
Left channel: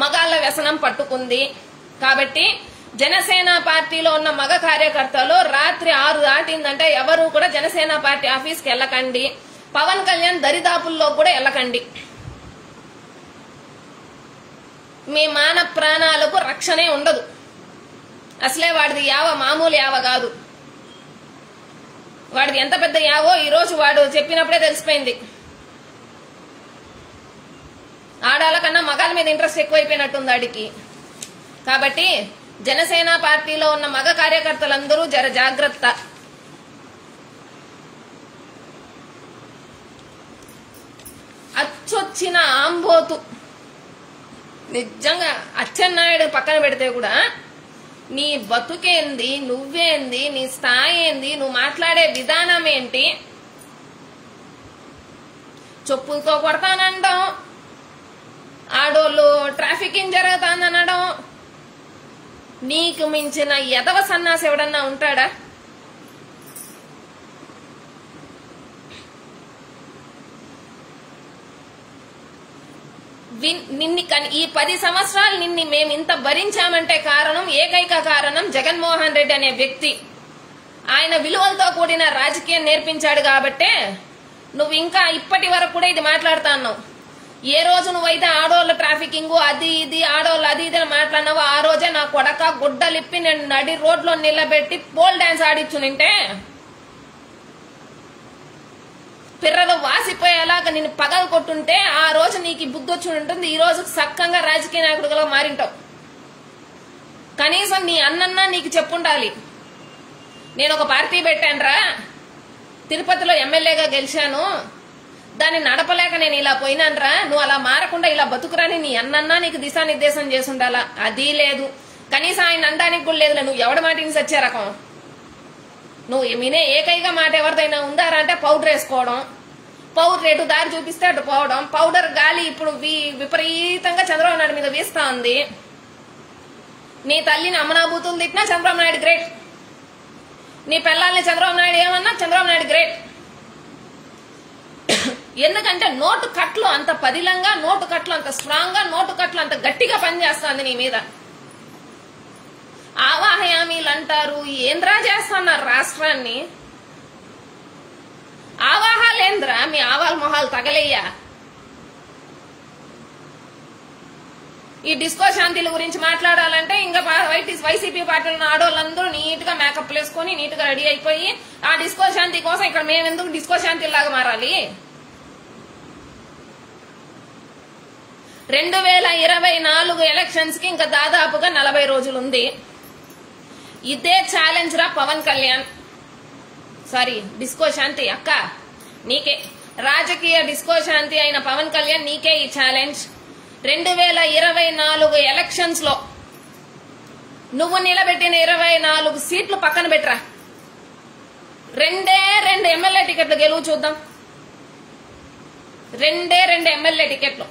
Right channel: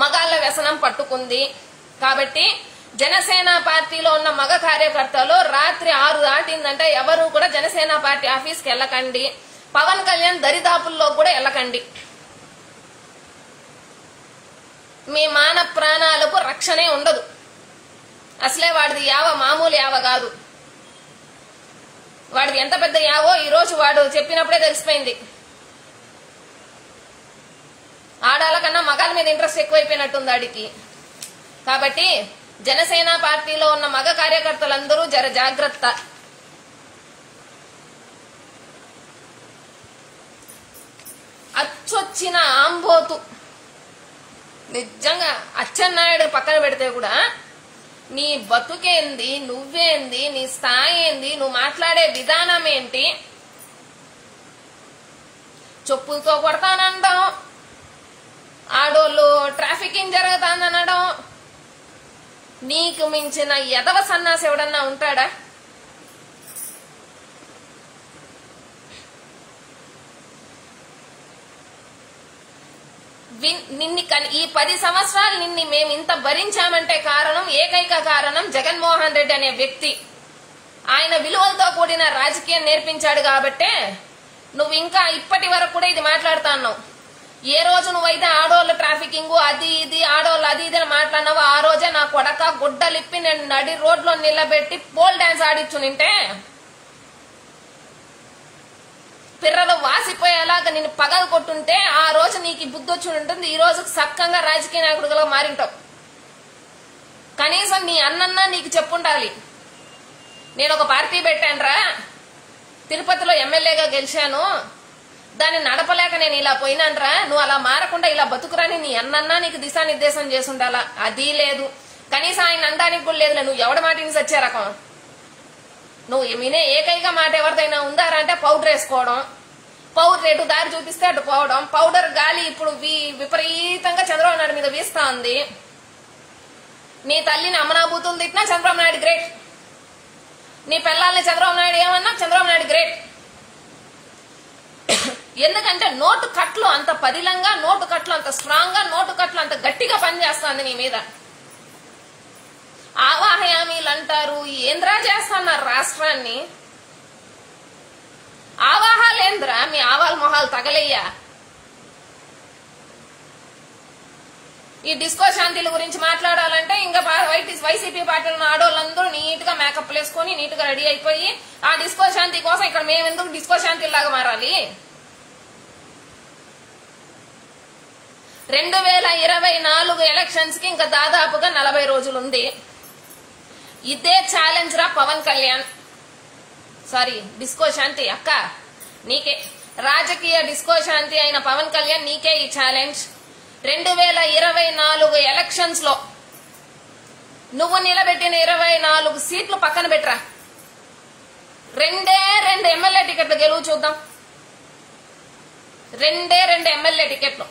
మగాళ్ళ వ్యసనం పట్టుకుంది. కాబట్టి జనసేన పార్టీలో ఉన్న మగ కార్యకర్తలు రాత్రి 6 దాటిందంటే ఎవరు కూడా జనసేన పార్టీ ఆఫీస్కి వెళ్ళకండి. పవన్ కళ్యాణ్ దరిదాపుల్లో కూడా వెళ్ళకండి. మీ మాన ప్రాణాలకు రక్షణే ఉండదు. అసలే వాడిది యావ మామూలు యావ కాదు. వాడిది ఎంత పెద్ద యావో ఈ రోజు వాడు చెప్పినప్పుడే తెలిసిపోయింది. ఆడాల కన్నా మగాళ్ళ మీద ఇంట్రెస్ట్ ఎక్కువైపోయినట్టుంది వాడికి. కాబట్టి జనసేన పార్టీలో ఉన్న మగ కార్యకర్తలందరూ జర జాగ్రత్త. అచ్చొచ్చిన ఆంబోతు నిజంగా అచ్చెన్నాయుడు పక్కన పెడితే కూడా నీ బతుకేంది, నువ్వేంది, నీ స్థాయి ఏంది, నువ్వు మాట్లాడే విధానం ఏంటి, చెప్పులతో కొడతానండం, ఆడోళ్ళు ట్రాఫికింగ్ జరుగుతానడం, నీకు మించిన ఎదవ సన్నాసి ఎవడన్నా ఉంటాడా? ఈ 10 సంవత్సరాలు నిన్ను మేము ఇంత భరించామంటే కారణం, ఏకైక కారణం జగన్మోహన్ రెడ్డి అనే వ్యక్తి. ఆయన విలువలతో కూడిన రాజకీయం నేర్పించాడు కాబట్టే నువ్వు ఇంకా ఇప్పటి వరకు కూడా ఇది మాట్లాడుతున్నావు. ఏ రోజు నువ్వైతే ఆడోళ్ళ ట్రాఫికింగ్ అది ఇది ఆడోళ్ళు అది ఇది అని మాట్లాడినావో ఆ రోజే నా కొడక గుడ్డలిప్పి నేను నడి రోడ్లో నిలబెట్టి పోల్ డాన్స్ ఆడిచ్చునింటే పిర్రలు వాసిపోయేలాగా నిన్ను పగలు కొట్టుంటే ఆ రోజు నీకు బుద్ధి వచ్చి ఉంటుంది. ఈ రోజు చక్కగా రాజకీయ నాయకుడిగా మారింటావు. కనీసం నీ అన్నన్నా నీకు చెప్పుండాలి. నేను ఒక పార్టీ పెట్టానురా, తిరుపతిలో ఎమ్మెల్యేగా గెలిచాను, దాన్ని నడపలేక నేను ఇలా పోయినానరా, నువ్వు అలా మారకుండా ఇలా బతుకురాని నీ అన్నన్నా నీకు దిశానిర్దేశం చేసుండాలా. అది లేదు. కనీసం ఆయన అనడానికి కూడా లేదు. నువ్వు ఎవడి మాట ఇన్ని సచ్చే రకం. నువ్వు వినే ఏకైక మాట ఎవరిదైనా ఉందారా అంటే పౌడర్ వేసుకోవడం, పౌడర్ ఎటు దారి చూపిస్తే అటు పోవడం. పౌడర్ గాలి ఇప్పుడు విపరీతంగా చంద్రబాబు నాయుడు మీద వీస్తా ఉంది. నీ తల్లిని అమ్మనాబూతులు తిట్టినా చంద్రబాబు నాయుడు గ్రేట్, నీ పిల్లల్ని చంద్రబాబు నాయుడు ఏమన్నా చంద్రబాబు నాయుడు గ్రేట్. ఎందుకంటే నోటు కట్లు అంత పదిలంగా, నోటు కట్లు అంత స్ట్రాంగ్ గా, నోటు కట్లు అంత గట్టిగా పనిచేస్తుంది నీ మీద. ఆవాహయామీలు అంటారు, ఏంద్రా చేస్తున్నారు రాష్ట్రాన్ని. ఆవాహాలేంద్రా, మీ ఆవాల మొహాలు తగలయ్యా. ఈ డిస్కో శాంతిల గురించి మాట్లాడాలంటే ఇంకా వైసీపీ పార్టీలో ఆడోళ్ళందరూ నీట్ గా మేకప్ వేసుకొని నీట్ గా రెడీ అయిపోయి ఆ డిస్కో శాంతి కోసం ఇక్కడ మేమెందుకు డిస్కో శాంతి లాగా మారాలి. 2024 ఎలక్షన్స్ కి ఇంకా దాదాపుగా 40 రోజులుంది. ఇదే ఛాలెంజ్ రా పవన్ కళ్యాణ్. సారీ, డిస్కో శాంతి అక్క నీకే, రాజకీయ డిస్కో శాంతి అయిన పవన్ కళ్యాణ్ నీకే ఈ ఛాలెంజ్. 2024 ఎలక్షన్స్ లో నువ్వు నిలబెట్టిన 24 సీట్లు పక్కన పెట్టరా, 2 ఎమ్మెల్యే టికెట్లు గెలువు చూద్దాం. 2 ఎమ్మెల్యే టికెట్లు.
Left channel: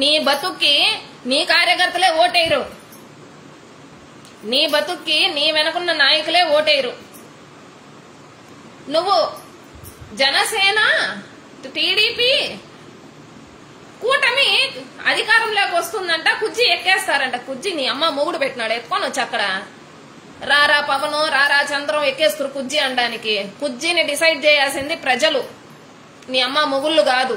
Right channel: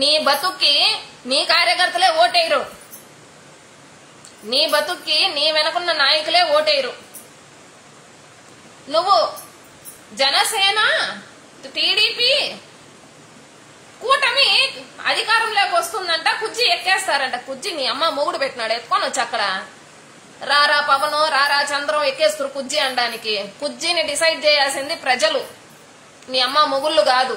నీ బతుక్కి నీ కార్యకర్తలే ఓటేయరు, నీ బతుక్కి నీ వెనకున్న నాయకులే ఓటేయరు. నువ్వు జనసేన టీడీపీ కూటమి అధికారంలోకి వస్తుందంట, కుజ్జి ఎక్కేస్తారంట. కుజ్జి నీ అమ్మ మొగుడు పెట్టినాడు, ఎత్తుకొని వచ్చి అక్కడ రారా పవను రారా చంద్రం ఎక్కేస్తారు కుజ్జి అనడానికి. కుజ్జిని డిసైడ్ చేయాల్సింది ప్రజలు, నీ అమ్మ మొగుళ్ళు కాదు.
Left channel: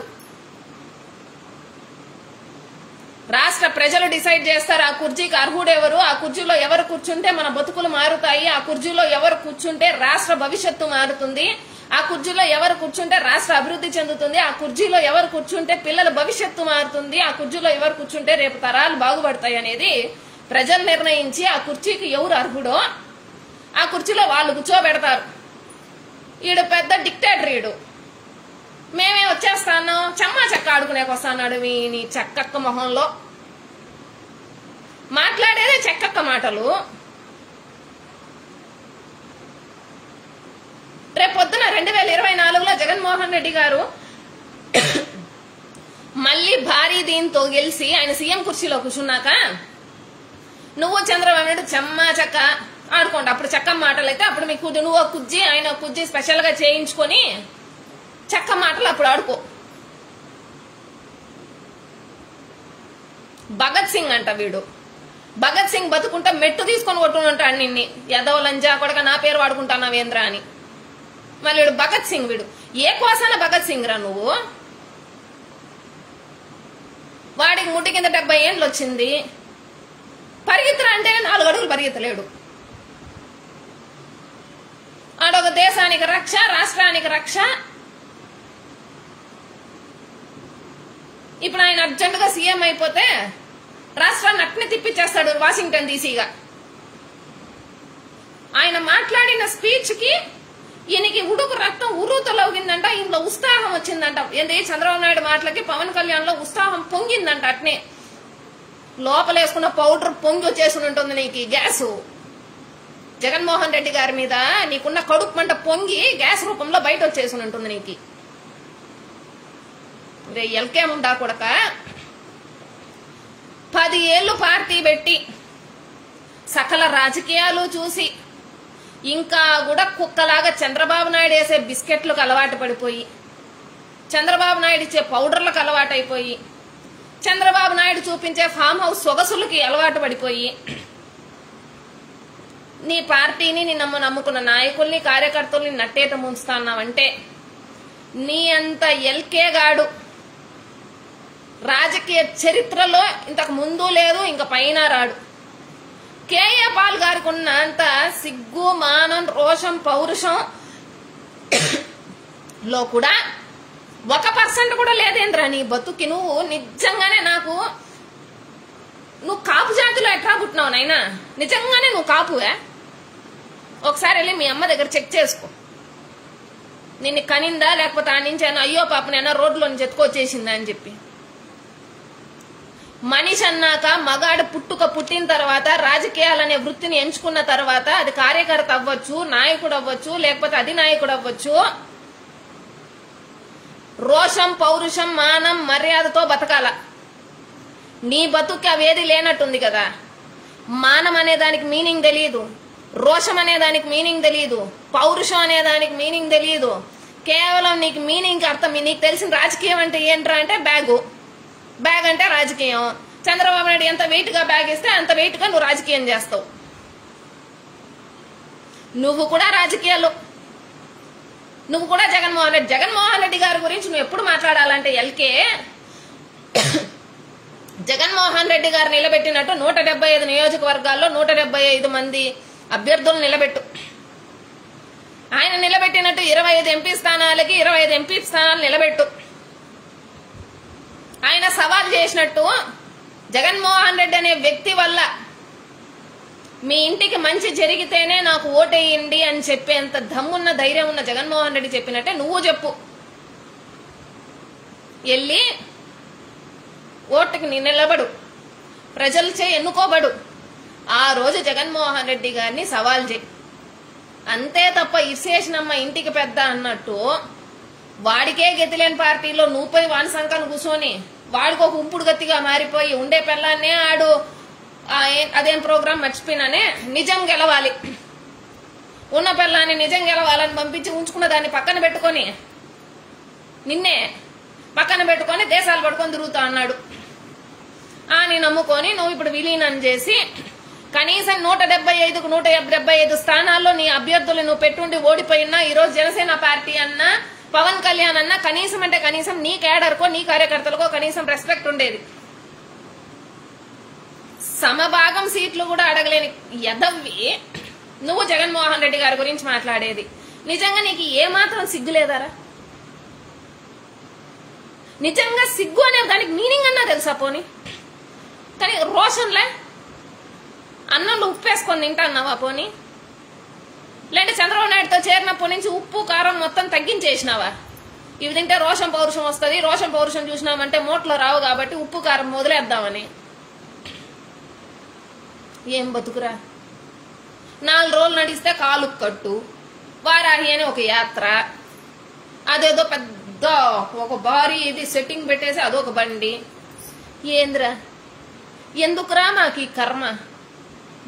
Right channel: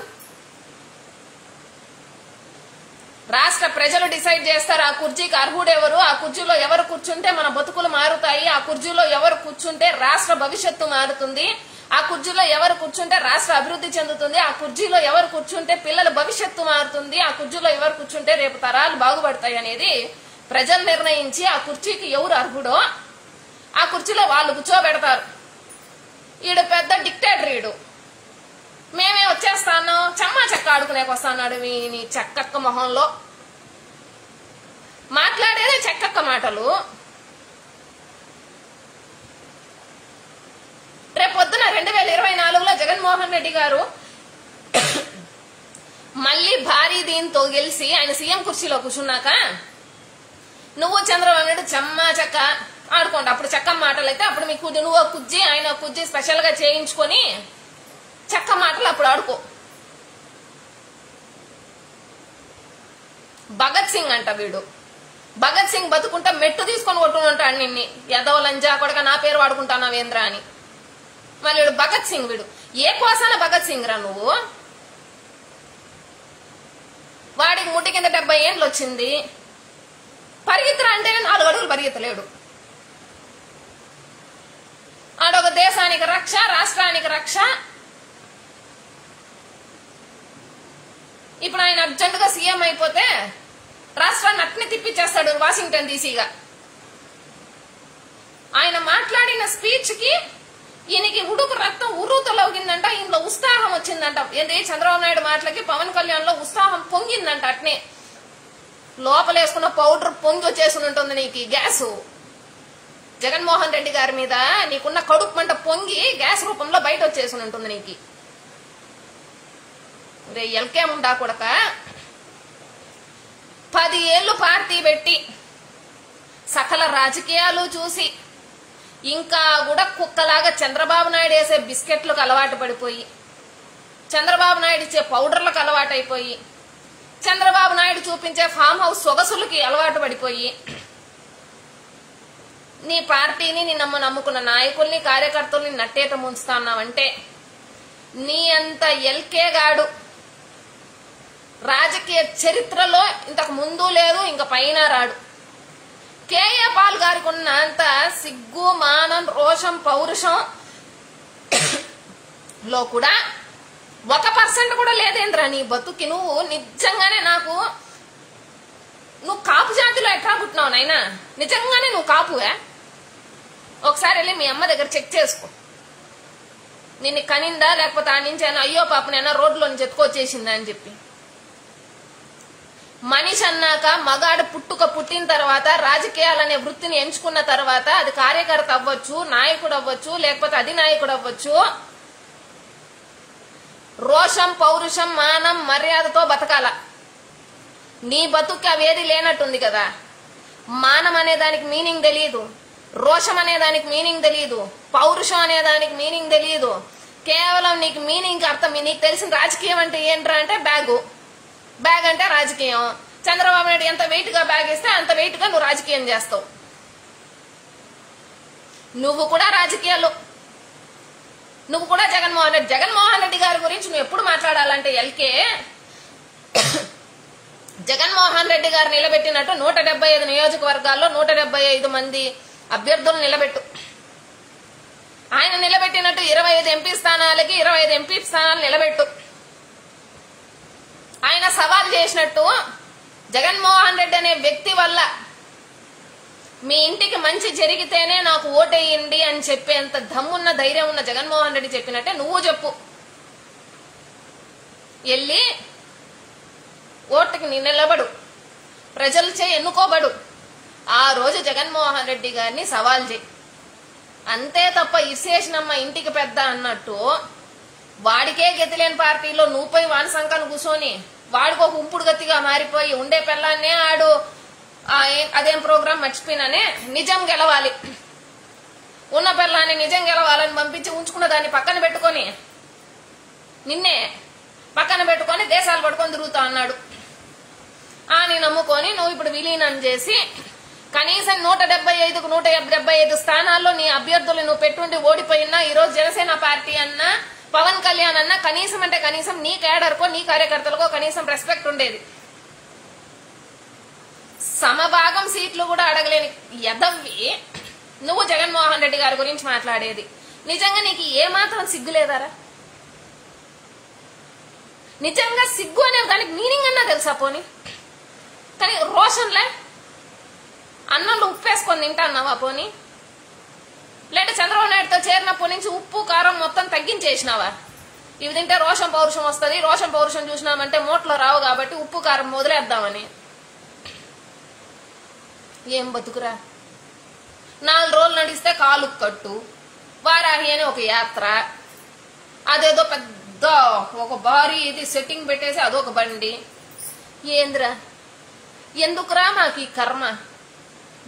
రాష్ట్ర ప్రజలు డిసైడ్ చేస్తారు ఆ కుర్చీకి అర్హుడెవరు, ఆ కుర్చీలో ఎవరు కూర్చుంటే మన బతుకులు మారుతాయి, ఆ కుర్చీలో ఎవరు కూర్చుంటే రాష్ట్ర భవిష్యత్తు మారుతుంది, ఆ కుర్చీలో ఎవరు కూర్చుంటే రాష్ట్ర అభివృద్ధి చెందుతుంది, ఆ కుర్చీలో ఎవరు కూర్చుంటే పిల్లల భవిష్యత్తు మారుతుంది, ఆ కుర్చీలో ఎవరు కూర్చుంటే రేపు తరాలు బాగుపడతాయి అనేది ప్రజలు నిర్ణయించి ఆ కుర్చీకి ఎవరు అర్హుడో ఆ కుర్చీలో వాళ్ళు కూర్చోబెడతారు. ఈడు పెద్ద డిక్టేటర్, ఈడు మేమే వచ్చేస్తాను చమ్మా చెక్క ఆడుకునేకి వస్తాడు. నీ చెక్కక్క మొహంలో మాట్లాడేదే చెక్కక్క మాటలు. రేపొద్దున 2024లో జగన్మోహన్ రెడ్డి గారు మళ్లీ భారీ దీంతో గెలిచి ఆయన సీఎం కుర్చీలో కూర్చున్నాక నువ్వు చంద్రబాబు నాయుడు చెమ్మా చెక్క ఆడుకోండి. అప్పుడు చెక్క మాటలు అయితే అప్పుడు మీకు నువ్వు కుజ్జి ఆయన కుజ్జి స్పెషల్ గా చేయించుకొని చెక్క మాటలు అప్పుడు ఆడుకో. భగత్ సింగ్ అంట వీడు. భగత్ సింగ్ బతుకుంటా మెట్టు తీసుకొని కొట్టుకుంటాడు నిన్ని, ఎదవ లంజా కొడక నా పేరు వాడుకుంటానావేంద్ర అని. మళ్ళీ వీడు భగత్ సింగ్. వీడు ఏ కోసాన భగత్ సింగ్ రా నువ్వు? వాడికి ముట్టి కింద 70 ఏళ్ళు వచ్చింది. పరిగెత్తరా అంటే 4 అడుగులు పరిగెత్తలేడు. ఆడొక దేశానికి రక్ష, రాష్ట్రానికి రక్ష. ఇప్పుడు ఆయన అర్జెంటుగా సీఎం అయిపోతే రాష్ట్రాన్ని అట్నే తిప్పించేస్తాడు వాషింగ్టన్ డీసీగా. ఆయన మాట్లాడిన స్పీచ్ కి ఈయనకి ఉడుకు రక్తం ఉర్రూతలవుగిందంట, ఇంట్లో ఉత్సాహం వచ్చిందంట. ఏంటి చంద్రబాబు నాయుడు మాటలకి పవన్ కళ్యాణ్ లో ఉత్సాహం పొంగిందంట. అట్నే లోపలేసుకున్న పౌడర్ పొంగి వచ్చేసి ఉంటుంది నీకు గ్యాస్. జగన్మోహన్ రెడ్డి గారి మీద నీకున్న కడుపు మంట పొంగి గ్యాస్ రూపంలో బయట వచ్చేసి ఉంటుంది నీకు. ఎల్కేముండా కొడక 10 ఏళ్లు పార్టీ పెట్టి సకల రాజకీయాలు చూసి ఇంకా కూడా కుక్కలాగా చంద్రబాబు నాయుడు వేసే బిస్కెట్లకు అలవాటు పడిపోయి, చంద్రబాబు నాయుడు ఇచ్చే పౌడర్లకు అలవాటు అయిపోయి, చంద్రబాబు నాయుడు చూపించే ఫామ్ హౌస్ సొగసులకి అలవాటు పడిపోయి, నీ పార్టీని నీ నమ్ముకున్న నాయకుల్ని కార్యకర్తల్ని నట్టేట ముంచుతాన్నావంటే నీ అంత ఎల్కే గాడు రాజకీయ చరిత్రలో ఇంతకు ముందు లేదు, ఇంక పైన రాడు. కేఏ పాల్ గారికి ఉన్నంత సిగ్గు, మానం, రోషం, పౌరుషం లో కూడా 1% కూడా లేదేంద్రా నీ బతుకి. నువ్వు నిజంగానే నువ్వు కాపు జాతిలో ఎట్లా పుట్టినావు నాయనా? నిజంగానే నువ్వు కాపువే? ఒకసారి వెళ్ళి మీ అమ్మ దగ్గర చెక్ చేసుకో. నిన్ను కనిందా లేకపోతే ఆ నుంచి అయినా అయ్యో పాపనైనా రోడ్లో నుంచి ఎత్తుకొచ్చేసిందా అని చెప్పి. మనిషి అన్నాక మగాడు పుట్టిన తర్వాత రాజకీయాలనే వృత్తిని ఎంచుకున్న తర్వాత అది కార్యకర్త అవ్వచ్చు, నాయకుడు అవ్వచ్చు, లేకపోతే అధినాయకుడు అవ్వచ్చు, రోషం, పౌరుషం, మానం, మర్యాదతో బతకాల. నీ బతుక్కి అవేది లేనట్టుంది కదా. మానం అనే దానికి మీనింగ్ తెలియదు, రోషం అనే దానికి మీనింగ్ తెలియదు, పౌరుషం అనే దానికి మీనింగ్ తెలియదు. కేవలం నీకు మీనింగ్ అర్థం, నీకు తెలిసిన రాజకీయం అంటే ఏంట్రా అంటే బ్యాగ్ అంటే రాజకీయం. చంద్రబాబు నాయుడు ఎంత వెయిట్ గా బ్యాగ్ ఇస్తే అంత వెయిట్ గా నువ్వు రాజకీయం చేస్తావు. నువ్వు కూడా రాజకీయాలు, నువ్వు కూడా జగన్మోహన్ రెడ్డి గారి గురించి నువ్వు ఎప్పుడు మాట్లాడాలంటే ఎల్కే జగన్మోహన్ రెడ్డి గారు నిలబెట్టినట్టు 175 నియోజకవర్గాల్లో 175 మంది అభ్యర్థులు నిలబెట్టు. ఆయన నిలబెట్టినట్టు 25 ఎంపీ స్థానాలకి 25 ఎంపీ స్థానాలు నిలబెట్టు. ఆయన సవాల్ చేసినట్టు జగన్మోహన్ రెడ్డి అనే వ్యక్తి వల్ల మీ ఇంటికి మంచి జరిగితేనే నాకు ఓటేయండి అని చెప్పేంత దమ్మున్న ధైర్యం ఉన్న జగన్మోహన్ రెడ్డి చెప్పినట్టే నువ్వు చెప్పు. వెళ్ళి ఓటుకి నిలబడు, ప్రజలచే ఎన్నుకోబడు. ఆ రోజు జగన్మోహన్ రెడ్డి గారిని సవాల్ చేయి. అంతే తప్ప ఇసేసినమ్మ ఇంటికి పెద్ద అన్నట్టు వాడికే గతిలేని పార్టీలో నువ్వు పోయి వాని సంఖాన్ని కూర్చొని వాడికి ఒక ఉంపుడు గతిగా మారిపోయి ఉండే పిల్లాన్నే ఆడు అదేం ప్రోగ్రాం మర్చిపోయినానే నిజం గెలవాలి, ఉన్న పిల్లాన్ని నిజం గెలవాలని పంపించి ఉంచుకున్న దాన్ని పక్కన పెట్టుకొని నిన్నే పక్కన పెట్టుకొని దేశాలు పట్టుకొని తిరుగుతా అన్నాడు. అని నమ్ముకొని నువ్వు ఇప్పుడు విలీనం చేసి కనీసం 175కు 175 స్థానాల్లో నీ అభ్యర్థులు నువ్వు పెట్టుండి ఓడిపోయినా ఈరోజు జనసేన పార్టీ అన్నా పవన్ కళ్యాణ్ అన్నా కనీసం అంటే కనీసం నీ కేడర్కో నీ కార్యకర్తలకో కనీసం రెస్పెక్ట్ ఉండేది. సమభాగం సీట్లు కూడా అడగలేని ఎదవ్వి నువ్వు జగన్మోహన్ రెడ్డి గారి గురించి మాట్లాడేది. నిజంగా నీకు ఏమాత్రం సిగ్గు లేదారా? నిజంగా సిగ్గు అనే దానికి మీనింగ్ అన్నా తెలుసా పోనీ? కానీ రోషన్లే అన్నంలో ఉప్పేసుకొని తింటాన్నావా పోనీ? లేదంటే చంద్రబాబు నాయుడుతో చేరినప్పటి నుంచి ఉప్పు కారం మొత్తం తగ్గించేసినావా? ఇవి తింటే రోషం పౌరుషం వస్తుంది, రోషం పౌరుషం చూసినామంటే మోట్లో రావు కాబట్టి ఉప్పు కారం వదిలేద్దామని. ఏం బతుకురా? 4 రోజులు నడిస్తే కాలు కట్టు, వారాహి అని ఒక యాత్ర, అదేదో పెద్ద ఒక భారీ ఇది సెట్టింగ్ పెట్టేసి అదొక బండి. ఏంద్రా ఎందుకురా మాకు ఈ కర్మ?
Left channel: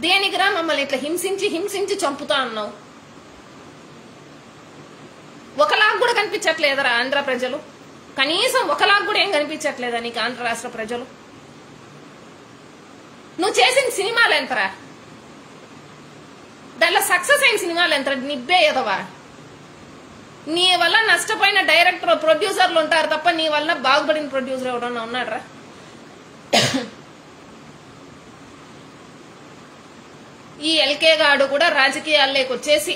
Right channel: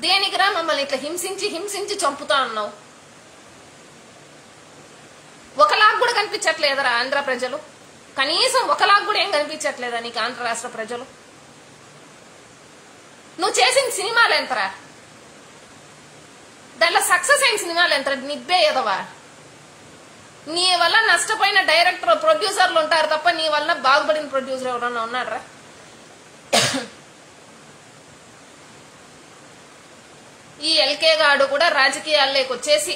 దేనికిరా మమ్మల్ని ఇట్లా హింసించి చంపుతా అన్నావు? ఒకలాగా కూడా కనిపించట్లేదరా ఆంధ్ర ప్రజలు? కనీసం ఒకలాగా కూడా ఏం కనిపించట్లేదా నీకు ఆంధ్ర రాష్ట్ర ప్రజలు? నువ్వు చేసిన సినిమాలు ఎంతరా? దాంట్లో సక్సెస్ అయిన సినిమాలు ఎంత? నిబ్బే ఎదవా. నీ వల్ల నష్టపోయిన డైరెక్టర్ ప్రొడ్యూసర్లు ఉంటారు తప్ప నీ వల్ల బాగుపడిన ప్రొడ్యూసర్ ఎవరన్నా ఉన్నాడరా? ఈ ఎల్కే గాడు కూడా రాజకీయాల్లోకి వచ్చేసి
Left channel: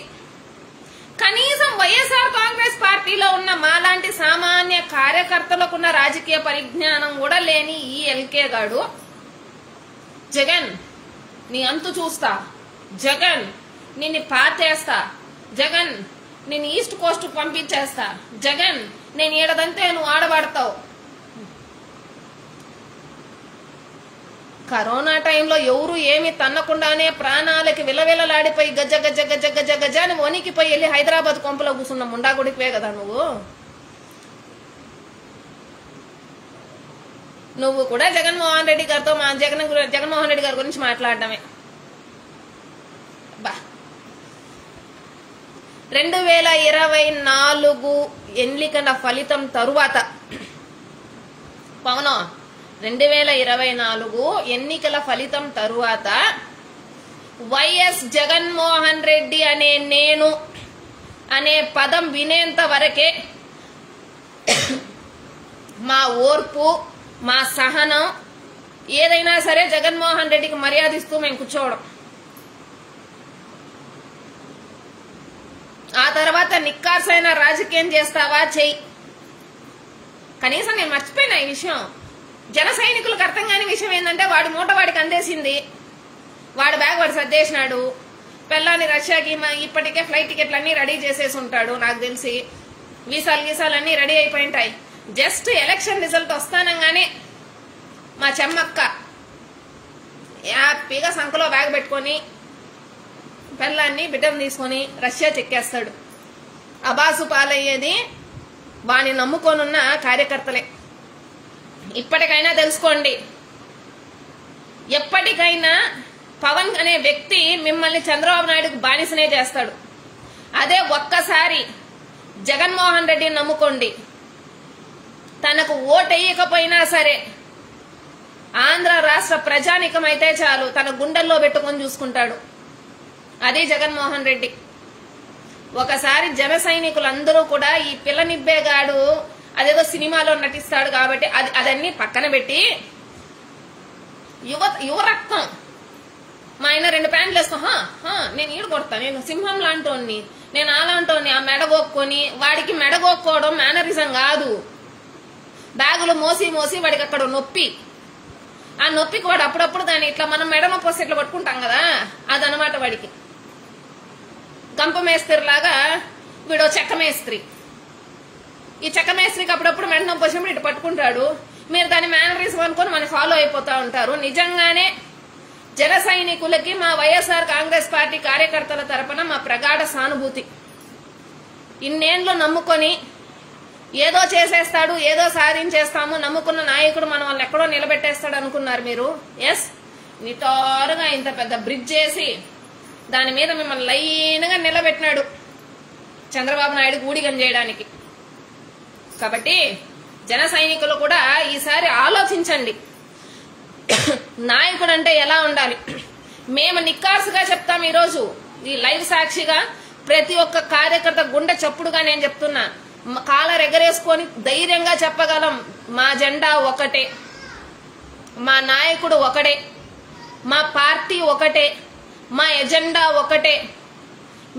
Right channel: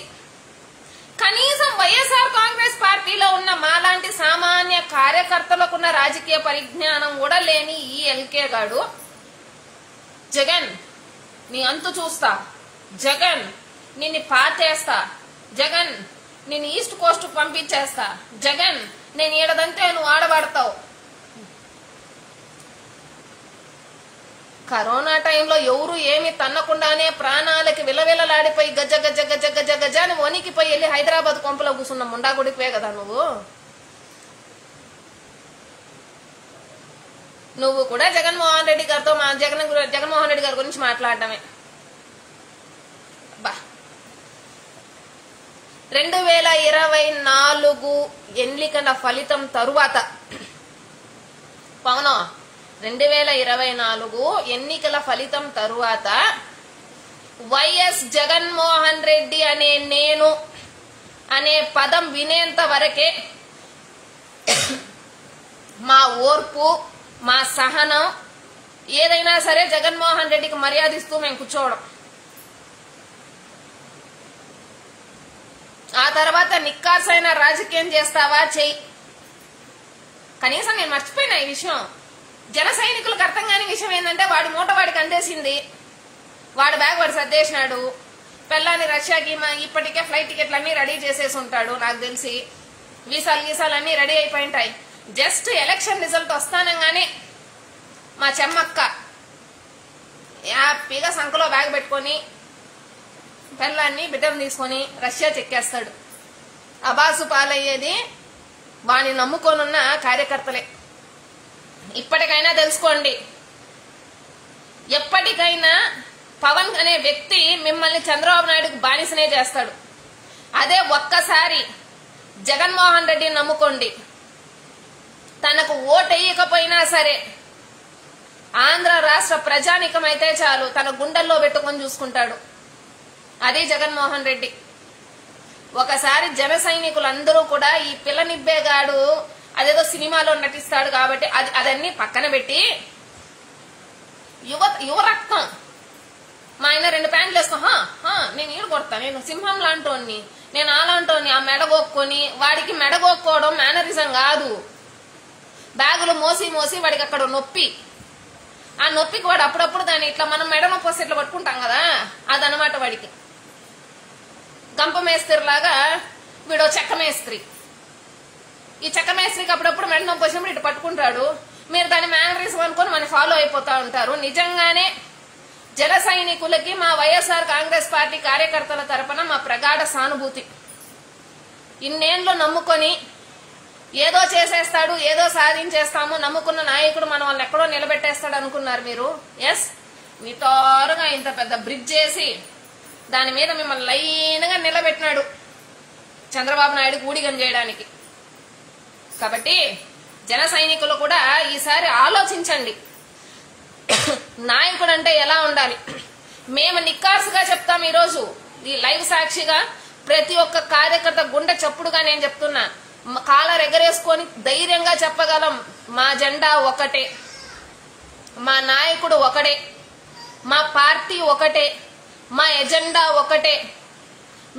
కనీసం వైఎస్ఆర్ కాంగ్రెస్ పార్టీలో ఉన్న మాలాంటి సామాన్య కార్యకర్తలకున్న రాజకీయ పరిజ్ఞానం కూడా లేని ఈ ఎల్కే గాడు, జగన్ నీ అంతు చూస్తా, జగన్ నిన్ను పాతేస్తా, జగన్ నేను ఈస్ట్ కోస్ట్ పంపించేస్తా, జగన్ నేను ఈడదంతే నువ్వు ఆడబడతావు. కరోనా టైంలో ఎవరు ఏమి తన్నకుండానే ప్రాణాలకి విలవిలలాడిపోయి గజ గజ గజ గజ గజ అని వణికిపోయి వెళ్ళి హైదరాబాద్ కొంపలో కూర్చున్న ముండాగుడిపోయే కదా నువ్వు కూడా జగన్మోహన్ రెడ్డి గారితో జగన్మోహన్ రెడ్డి గారి గురించి మాట్లాడటమే. 2024 ఎన్నికల ఫలితం తరువాత పవన్ 2024 ఎన్నికల ఫలితం తరువాత వైఎస్ జగన్మోహన్ రెడ్డి అనే నేను అనే పదం వినేంత వరకే మా ఓర్పు మా సహనం ఏదైనా సరే జగన్మోహన్ రెడ్డికి మర్యాదిస్తూ మేము కూర్చోవడం. ఆ తర్వాత నిక్కార్సైన రాజకీయం చేస్తావా చెయ్యి. కనీసం నేను మర్చిపోయినా ఈ విషయం. జన సైనికులకు అర్థం కాని విషయం ఏంటంటే వాడి మూట వాడికి అందేసింది, వాడి బ్యాగ్ వాడు సర్దేసినాడు, పెళ్ళాన్ని రష్యాకి ఇప్పటికే ఫ్లైట్ టికెట్లు అన్ని రెడీ చేసేసి ఉంటాడు. నాకు తెలిసి వీసాలన్నీ రెడీ అయిపోయింటాయి. జస్ట్ ఎలక్షన్ రిజల్ట్ వస్తానంగానే మా చెమ్మక్క హ్యాపీగా సంఖలో బ్యాగ్ పెట్టుకుని పెళ్ళాన్ని బిడ్డను తీసుకుని రష్యా చెక్కేస్తాడు. అబాసు పాలయ్యేది వాణ్ణి నమ్ముకోనున్న కార్యకర్తలే. ఇప్పటికైనా తెలుసుకోండి, ఎప్పటికైనా పవన్ అనే వ్యక్తి మిమ్మల్ని చంద్రబాబు నాయుడుకు బానిసనే చేస్తాడు. అదే ఒక్కసారి జగన్మోహన్ రెడ్డిని నమ్ముకోండి, తనకు ఓటేయకపోయినా సరే ఆంధ్ర రాష్ట్ర ప్రజానికమైతే చాలు తన గుండెల్లో పెట్టుకొని చూసుకుంటాడు. అది జగన్మోహన్ రెడ్డి. ఒకసారి జన సైనికులందరూ కూడా ఈ పిల్ల నిబ్బేగాడు అదేదో సినిమాలో నటిస్తాడు కాబట్టి అదన్నీ పక్కన పెట్టి యువ రక్తం మా ఆయన 2 ప్యాంట్లు వేసుకో నేను ఈడు కొడతా, నేను సింహం లాంటోని, నేను అలాంటోని, ఆ మెడగొక్కొని వాడికి మెడగొక్కోవడం మేనరిజం కాదు. బ్యాగులు మోసి వాడికి అక్కడ నొప్పి, ఆ నొప్పికి వాడు అప్పుడప్పుడు దాన్ని ఇట్లా మనం మెడ నొప్పి వస్తే ఇట్లా పట్టుకుంటాం కదా, అదనమాట వాడికి. గంప మేస్త్రి లాగా వీడు చెక్క మేస్త్రి. ఈ చెక్క మేస్త్రికి అప్పుడప్పుడు మెడ నొప్పి వచ్చినప్పుడు ఇటు పట్టుకుంటాడు. మీరు దాని మేనరిజం అనుకుని మనం ఫాలో అయిపోతా ఉంటారు. నిజంగానే జన సైనికులకి మా వైఎస్ఆర్ కాంగ్రెస్ పార్టీ కార్యకర్తల తరపున మా ప్రగాఢ సానుభూతి. ఇన్నేళ్లు నమ్ముకొని ఏదో చేసేస్తాడు, ఏదో సాధించేస్తాము, నమ్ముకున్న నాయకుడు మన వాళ్ళని ఎక్కడో నిలబెట్టేస్తాడు అనుకున్నారు మీరు. ఎస్, నిటారుగా ఇంత పెద్ద బ్రిడ్జ్ చేసి దాని మీద మిమ్మల్ని లైన్ గా నిలబెట్టినాడు చంద్రబాబు నాయుడు ఊడిగం చేయడానికి. కాబట్టి జన సైనికులు కూడా ఈసారి ఆలోచించండి, నాయకుడు అంటే ఎలా ఉండాలి. మేము నిక్కార్సుగా చెప్తాం. ఈరోజు ఈ లైవ్ సాక్షిగా ప్రతి ఒక్క కార్యకర్త గుండె చప్పుడుగా నేను చెప్తున్నా, కాలర్ ఎగరేసుకొని ధైర్యంగా చెప్పగలం. మా జెండా ఒకటే, మా నాయకుడు ఒకటే, మా పార్టీ ఒకటే, మా ఎజెండా ఒకటే.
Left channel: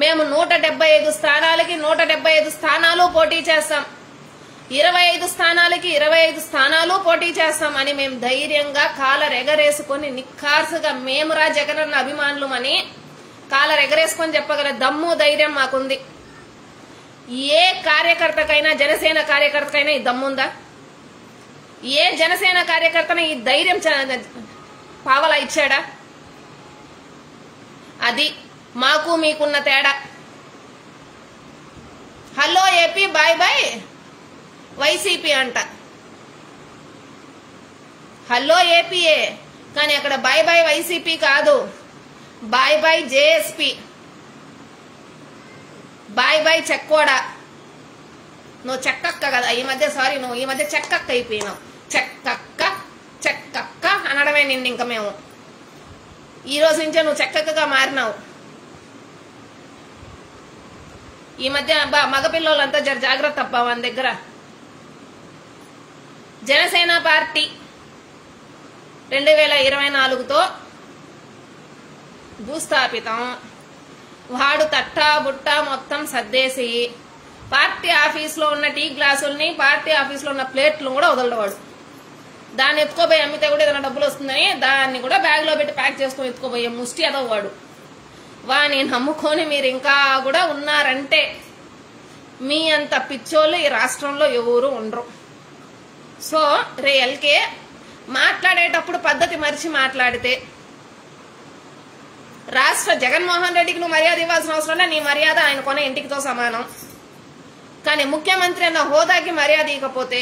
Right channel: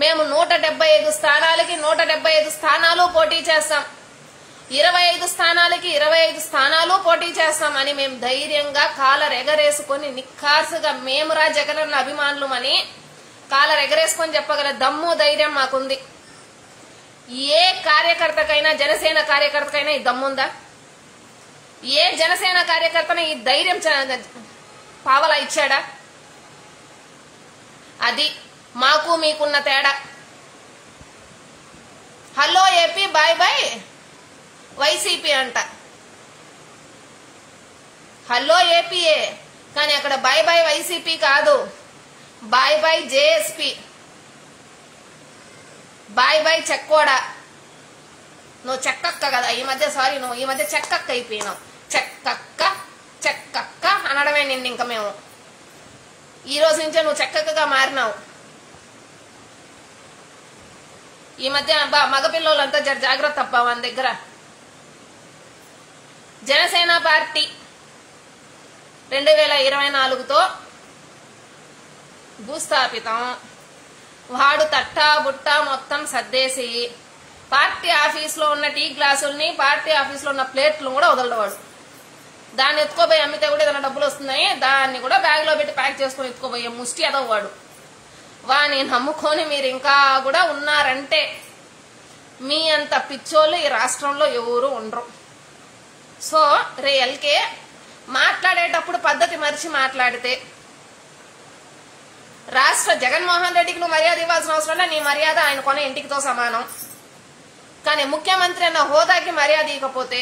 మేము 175 స్థానాలకి 175 స్థానాలు పోటీ చేస్తాం, 25 స్థానాలకి 25 స్థానాలు పోటీ చేస్తామని మేము ధైర్యంగా కాలర్ ఎగరేసుకొని నిక్కార్సుగా మేమురా జగనన్న అభిమానులమని కాలర్ ఎగరేసుకొని చెప్పగల దమ్ము ధైర్యం మాకుంది. ఏ కార్యకర్తకైనా, జనసేన కార్యకర్తకైనా ఈ దమ్ముందా? ఏ జనసేన కార్యకర్తన ఈ ధైర్యం పావలా ఇచ్చాడా? అది మాకు మీకున్న తేడా. Hello AP, bye bye YCP అంట. హలో ఏపీఏ, కానీ అక్కడ బాయ్ బాయ్ వైసీపీ కాదు, bye bye JSP, bye bye చెక్కోడా. నువ్వు చెక్కక్క కదా ఈ మధ్య, సారీ నువ్వు ఈ మధ్య చెక్కక్క అయిపోయినావు. చెక్కక్క చెక్కక్క అనడమే నిన్ను ఇంకా మేము. ఈ రోజు నుంచే నువ్వు చక్కగా మారినావు. ఈ మధ్య మగపిల్లలంతా జాగ్రత్త అబ్బా మన దగ్గర. జనసేన పార్టీ 2024తో భూస్థాపితం. వాడు తట్టా బుట్టా మొత్తం సర్దేసి పార్టీ ఆఫీసులో ఉన్న టీ గ్లాసుల్ని, పార్టీ ఆఫీసులో ఉన్న ప్లేట్లు కూడా వదలవాడు. దాన్ని ఎత్తుకోపోయి అమ్మితే కూడా ఏదైనా డబ్బులు వస్తుందని దాన్ని కూడా బ్యాగ్ లో పెట్టి ప్యాక్ చేసుకుని ఎత్తుకోపోయే ముష్టి అదవ్వాడు. వాని నమ్ముకొని మీరు ఇంకా కూడా ఉన్నారంటే మీ అంత పిచ్చోళ్ళు ఈ రాష్ట్రంలో ఎవరు ఉండరు. సో రియల్కే మాట్లాడేటప్పుడు పద్ధతి మరిచి మాట్లాడితే రాష్ట్ర జగన్మోహన్ రెడ్డికి నువ్వు మర్యాద ఇవ్వాల్సిన అవసరం, నీ మర్యాద ఆయన కొన ఇంటికితో సమానం. కానీ ముఖ్యమంత్రి అన్న హోదాకి మర్యాద ఇవ్వకపోతే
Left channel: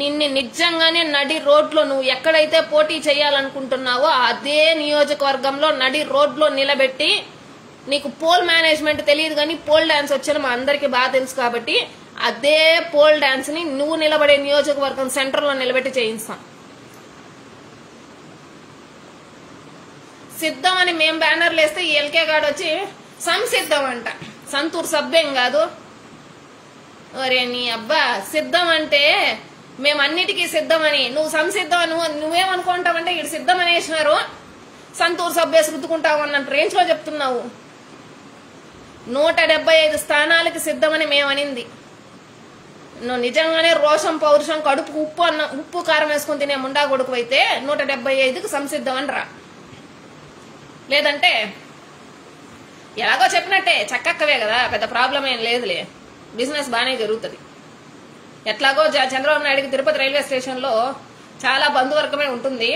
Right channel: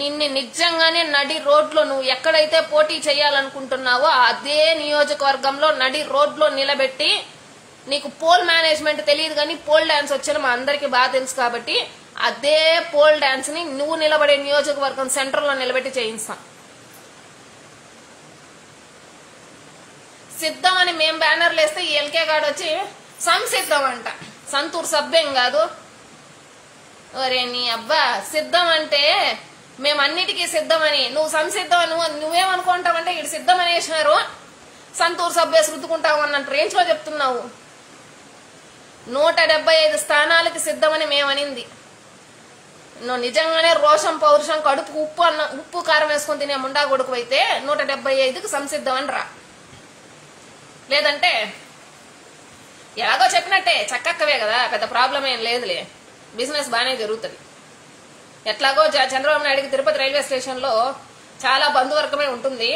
నిన్ను నిజంగానే నడి రోడ్లో నువ్వు ఎక్కడైతే పోటీ చేయాలనుకుంటున్నావో అదే నియోజకవర్గంలో నడి రోడ్లో నిలబెట్టి, నీకు పోల్ మేనేజ్మెంట్ తెలియదు కానీ పోల్ డాన్స్ వచ్చాను మా అందరికి బాగా తెలుసు కాబట్టి అదే పోల్ డాన్స్ ని నువ్వు నిలబడే నియోజకవర్గం సెంటర్ లో నిలబెట్టి చేయిస్తాం. సిద్ధం అని మేం బ్యానర్లు వేస్తే ఈ ఎల్కే గాడు వచ్చి సంసిద్ధం అంట. సంతూర్ సభ్యం కాదు. ఒరే నీ అబ్బా, సిద్ధం అంటే మేమన్నిటికీ సిద్ధమని, నువ్వు సంసిద్ధం నువ్వేమనుకుంటావంటే ఇటు సిద్ధం అనేసినారు సంతూర్ సభ్య రుద్దుకుంటావు అన్నట్టు రేంజ్ లో చెప్తున్నావు. 175 స్థానాలకి సిద్ధమని మేమనింది. నువ్వు నిజంగానే రోషం పౌరుషం కడుపు ఉప్పు కారం వేసుకుని తినే ముండా కొడుకు అయితే 175కి సంసిద్ధం అని రా. లేదంటే ఎలాగో చెప్పినట్టే చక్కక్కవే కదా, పెద్ద ప్రాబ్లం ఏం లేదులే, బిజినెస్ బాగానే జరుగుతుంది. ఎట్లాగో చంద్రబాబు నాయుడికి తిరుపతి రైల్వే స్టేషన్ లో చాలా బంధువర్గమే ఉంటుంది.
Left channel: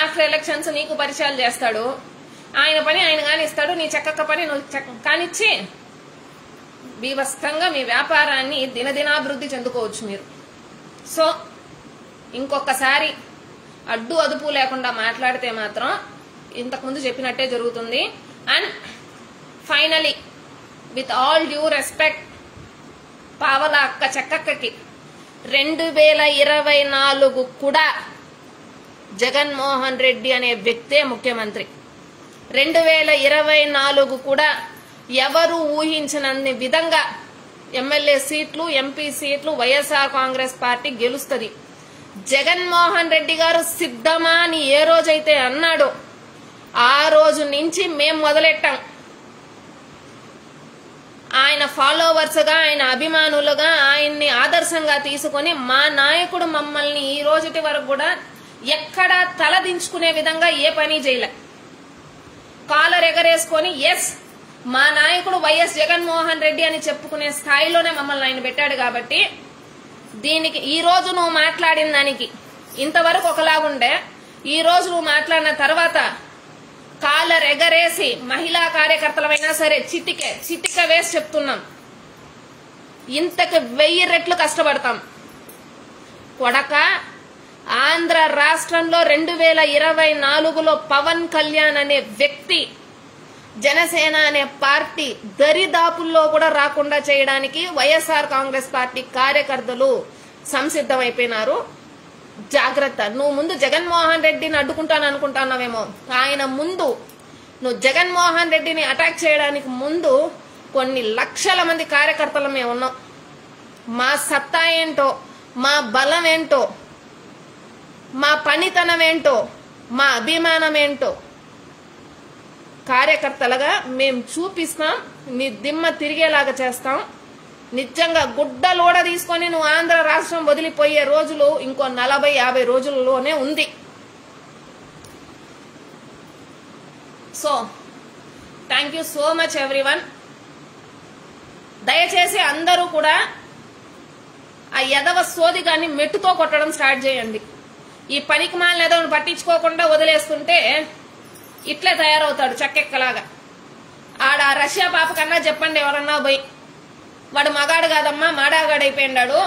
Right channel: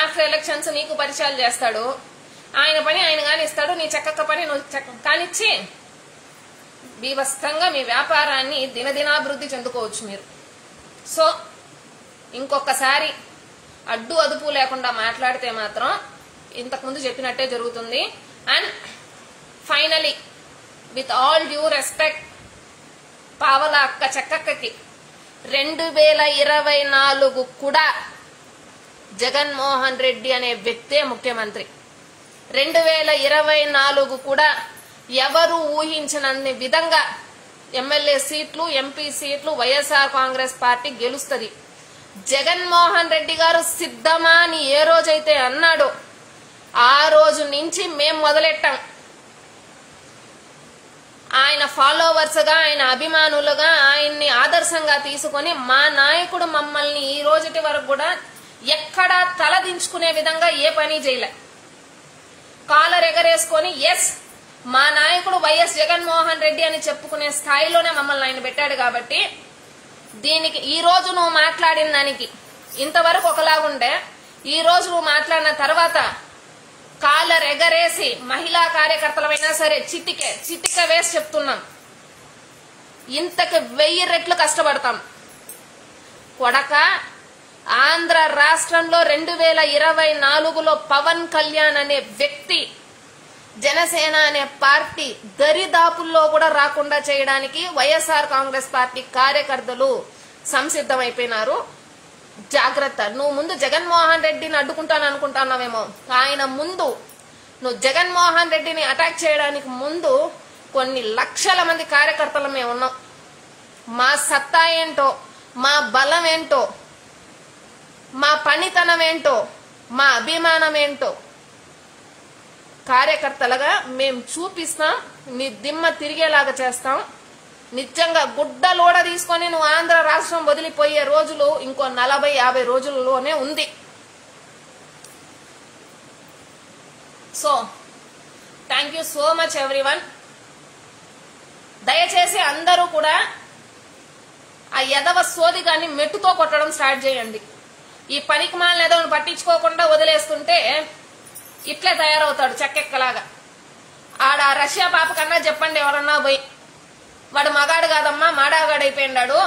ఆఫ్టర్ ఎలక్షన్స్ నీకు పరిచయాలు చేస్తాడు. ఆయన పని ఆయన కానిస్తాడు, నీ చక్కక్క పని నువ్వు కానిచ్చి బీభత్సంగా మీ వ్యాపారాన్ని దినదినాభివృద్ధి చెందుకోవచ్చు మీరు. సో ఇంకొకసారి అడ్డు అదుపు లేకుండా మాట్లాడితే మాత్రం ఇంతకుముందు చెప్పినట్టే జరుగుతుంది. And finally with all due respect పావల అక్క చక్కక్కకి 2024 కూడా జగన్మోహన్ రెడ్డి అనే వ్యక్తే ముఖ్యమంత్రి. 2024 కూడా ఎవరు ఊహించనన్ని విధంగా ఎమ్మెల్యే సీట్లు, ఎంపీ సీట్లు వైఎస్ఆర్ కాంగ్రెస్ పార్టీ గెలుస్తుంది. జగన్మోహన్ రెడ్డి గారు సిద్ధమా అని ఏ రోజైతే అన్నాడో ఆ రోజు నుంచి మేం మొదలెట్టాం. ఆయన ఫాలోవర్స్ గా, ఆయన అభిమానులుగా, ఆయన్ని ఆదర్శంగా తీసుకుని మా నాయకుడు మమ్మల్ని ఈ రోజుటి వరకు కూడా ఎక్కడా తలదించుకునే విధంగా ఏ పని చేయలే. కాలర్ ఎగరేసుకొని ఎస్ మా నాయకుడు వైఎస్ జగన్మోహన్ రెడ్డి అని చెప్పుకునే స్థాయిలోనే మమ్మల్ని ఆయన పెట్టాడు. కాబట్టి దీనికి ఈ రోజు నువ్వు మాట్లాడిన దానికి ఇంతవరకు ఒకలాగుండే, ఈ రోజు నువ్వు మాట్లాడిన తర్వాత కాలర్ ఎగరేసి మహిళా కార్యకర్తలమైనా సరే చిటికే వేసి చెప్తున్నాం, ఇంతకు 1000 రెట్లు కష్టపడతాం. కొడక ఆంధ్ర రాష్ట్రంలో 2024లో పవన్ కళ్యాణ్ అనే వ్యక్తి జనసేన అనే పార్టీ దరిదాపుల్లో కూడా రాకుండా చేయడానికి వైఎస్ఆర్ కాంగ్రెస్ పార్టీ కార్యకర్తలు సంసిద్ధమైపోయినారు. జాగ్రత్త. నువ్వు ముందు జగన్మోహన్ రెడ్డిని అడ్డుకుంటాను అనుకుంటున్నావేమో, ఆయన ముందు నువ్వు జగన్మోహన్ రెడ్డిని అటాక్ చేయడానికి ముందు కొన్ని లక్షల మంది కార్యకర్తలు మేము ఉన్నాం. మా సత్తా ఏంటో, మా బలం ఏంటో, మా పనితనం ఏంటో, మా అభిమానం ఏంటో కార్యకర్తలుగా మేము చూపిస్తాం. నీ దిమ్మ తిరిగేలాగా చేస్తాం. నిజంగా గుడ్డలోడ తీసుకొని నువ్వు ఆంధ్ర రాష్ట్రం వదిలిపోయే రోజులు ఇంకో 40-50 రోజుల్లోనే ఉంది. So thank you so much everyone. దయచేసి అందరూ కూడా ఆ యదవ సోదిగాన్ని మెట్టుతో కొట్టడం స్టార్ట్ చేయండి. ఈ పనికి మాలిన ఎదవను పట్టించుకోకుండా వదిలేసుకుంటే ఇట్లే తయారవుతాడు చెక్కెక్కలాగా. ఆడ రష్యా పాప కన్నా చెప్పండి ఎవరన్నా పోయి, వాడు మగాడు కాదమ్మా మాడాగాడైపోయినాడు,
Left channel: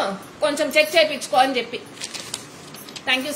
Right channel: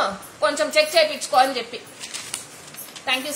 కొంచెం చెక్ చేయించుకో అని చెప్పి. Thank you.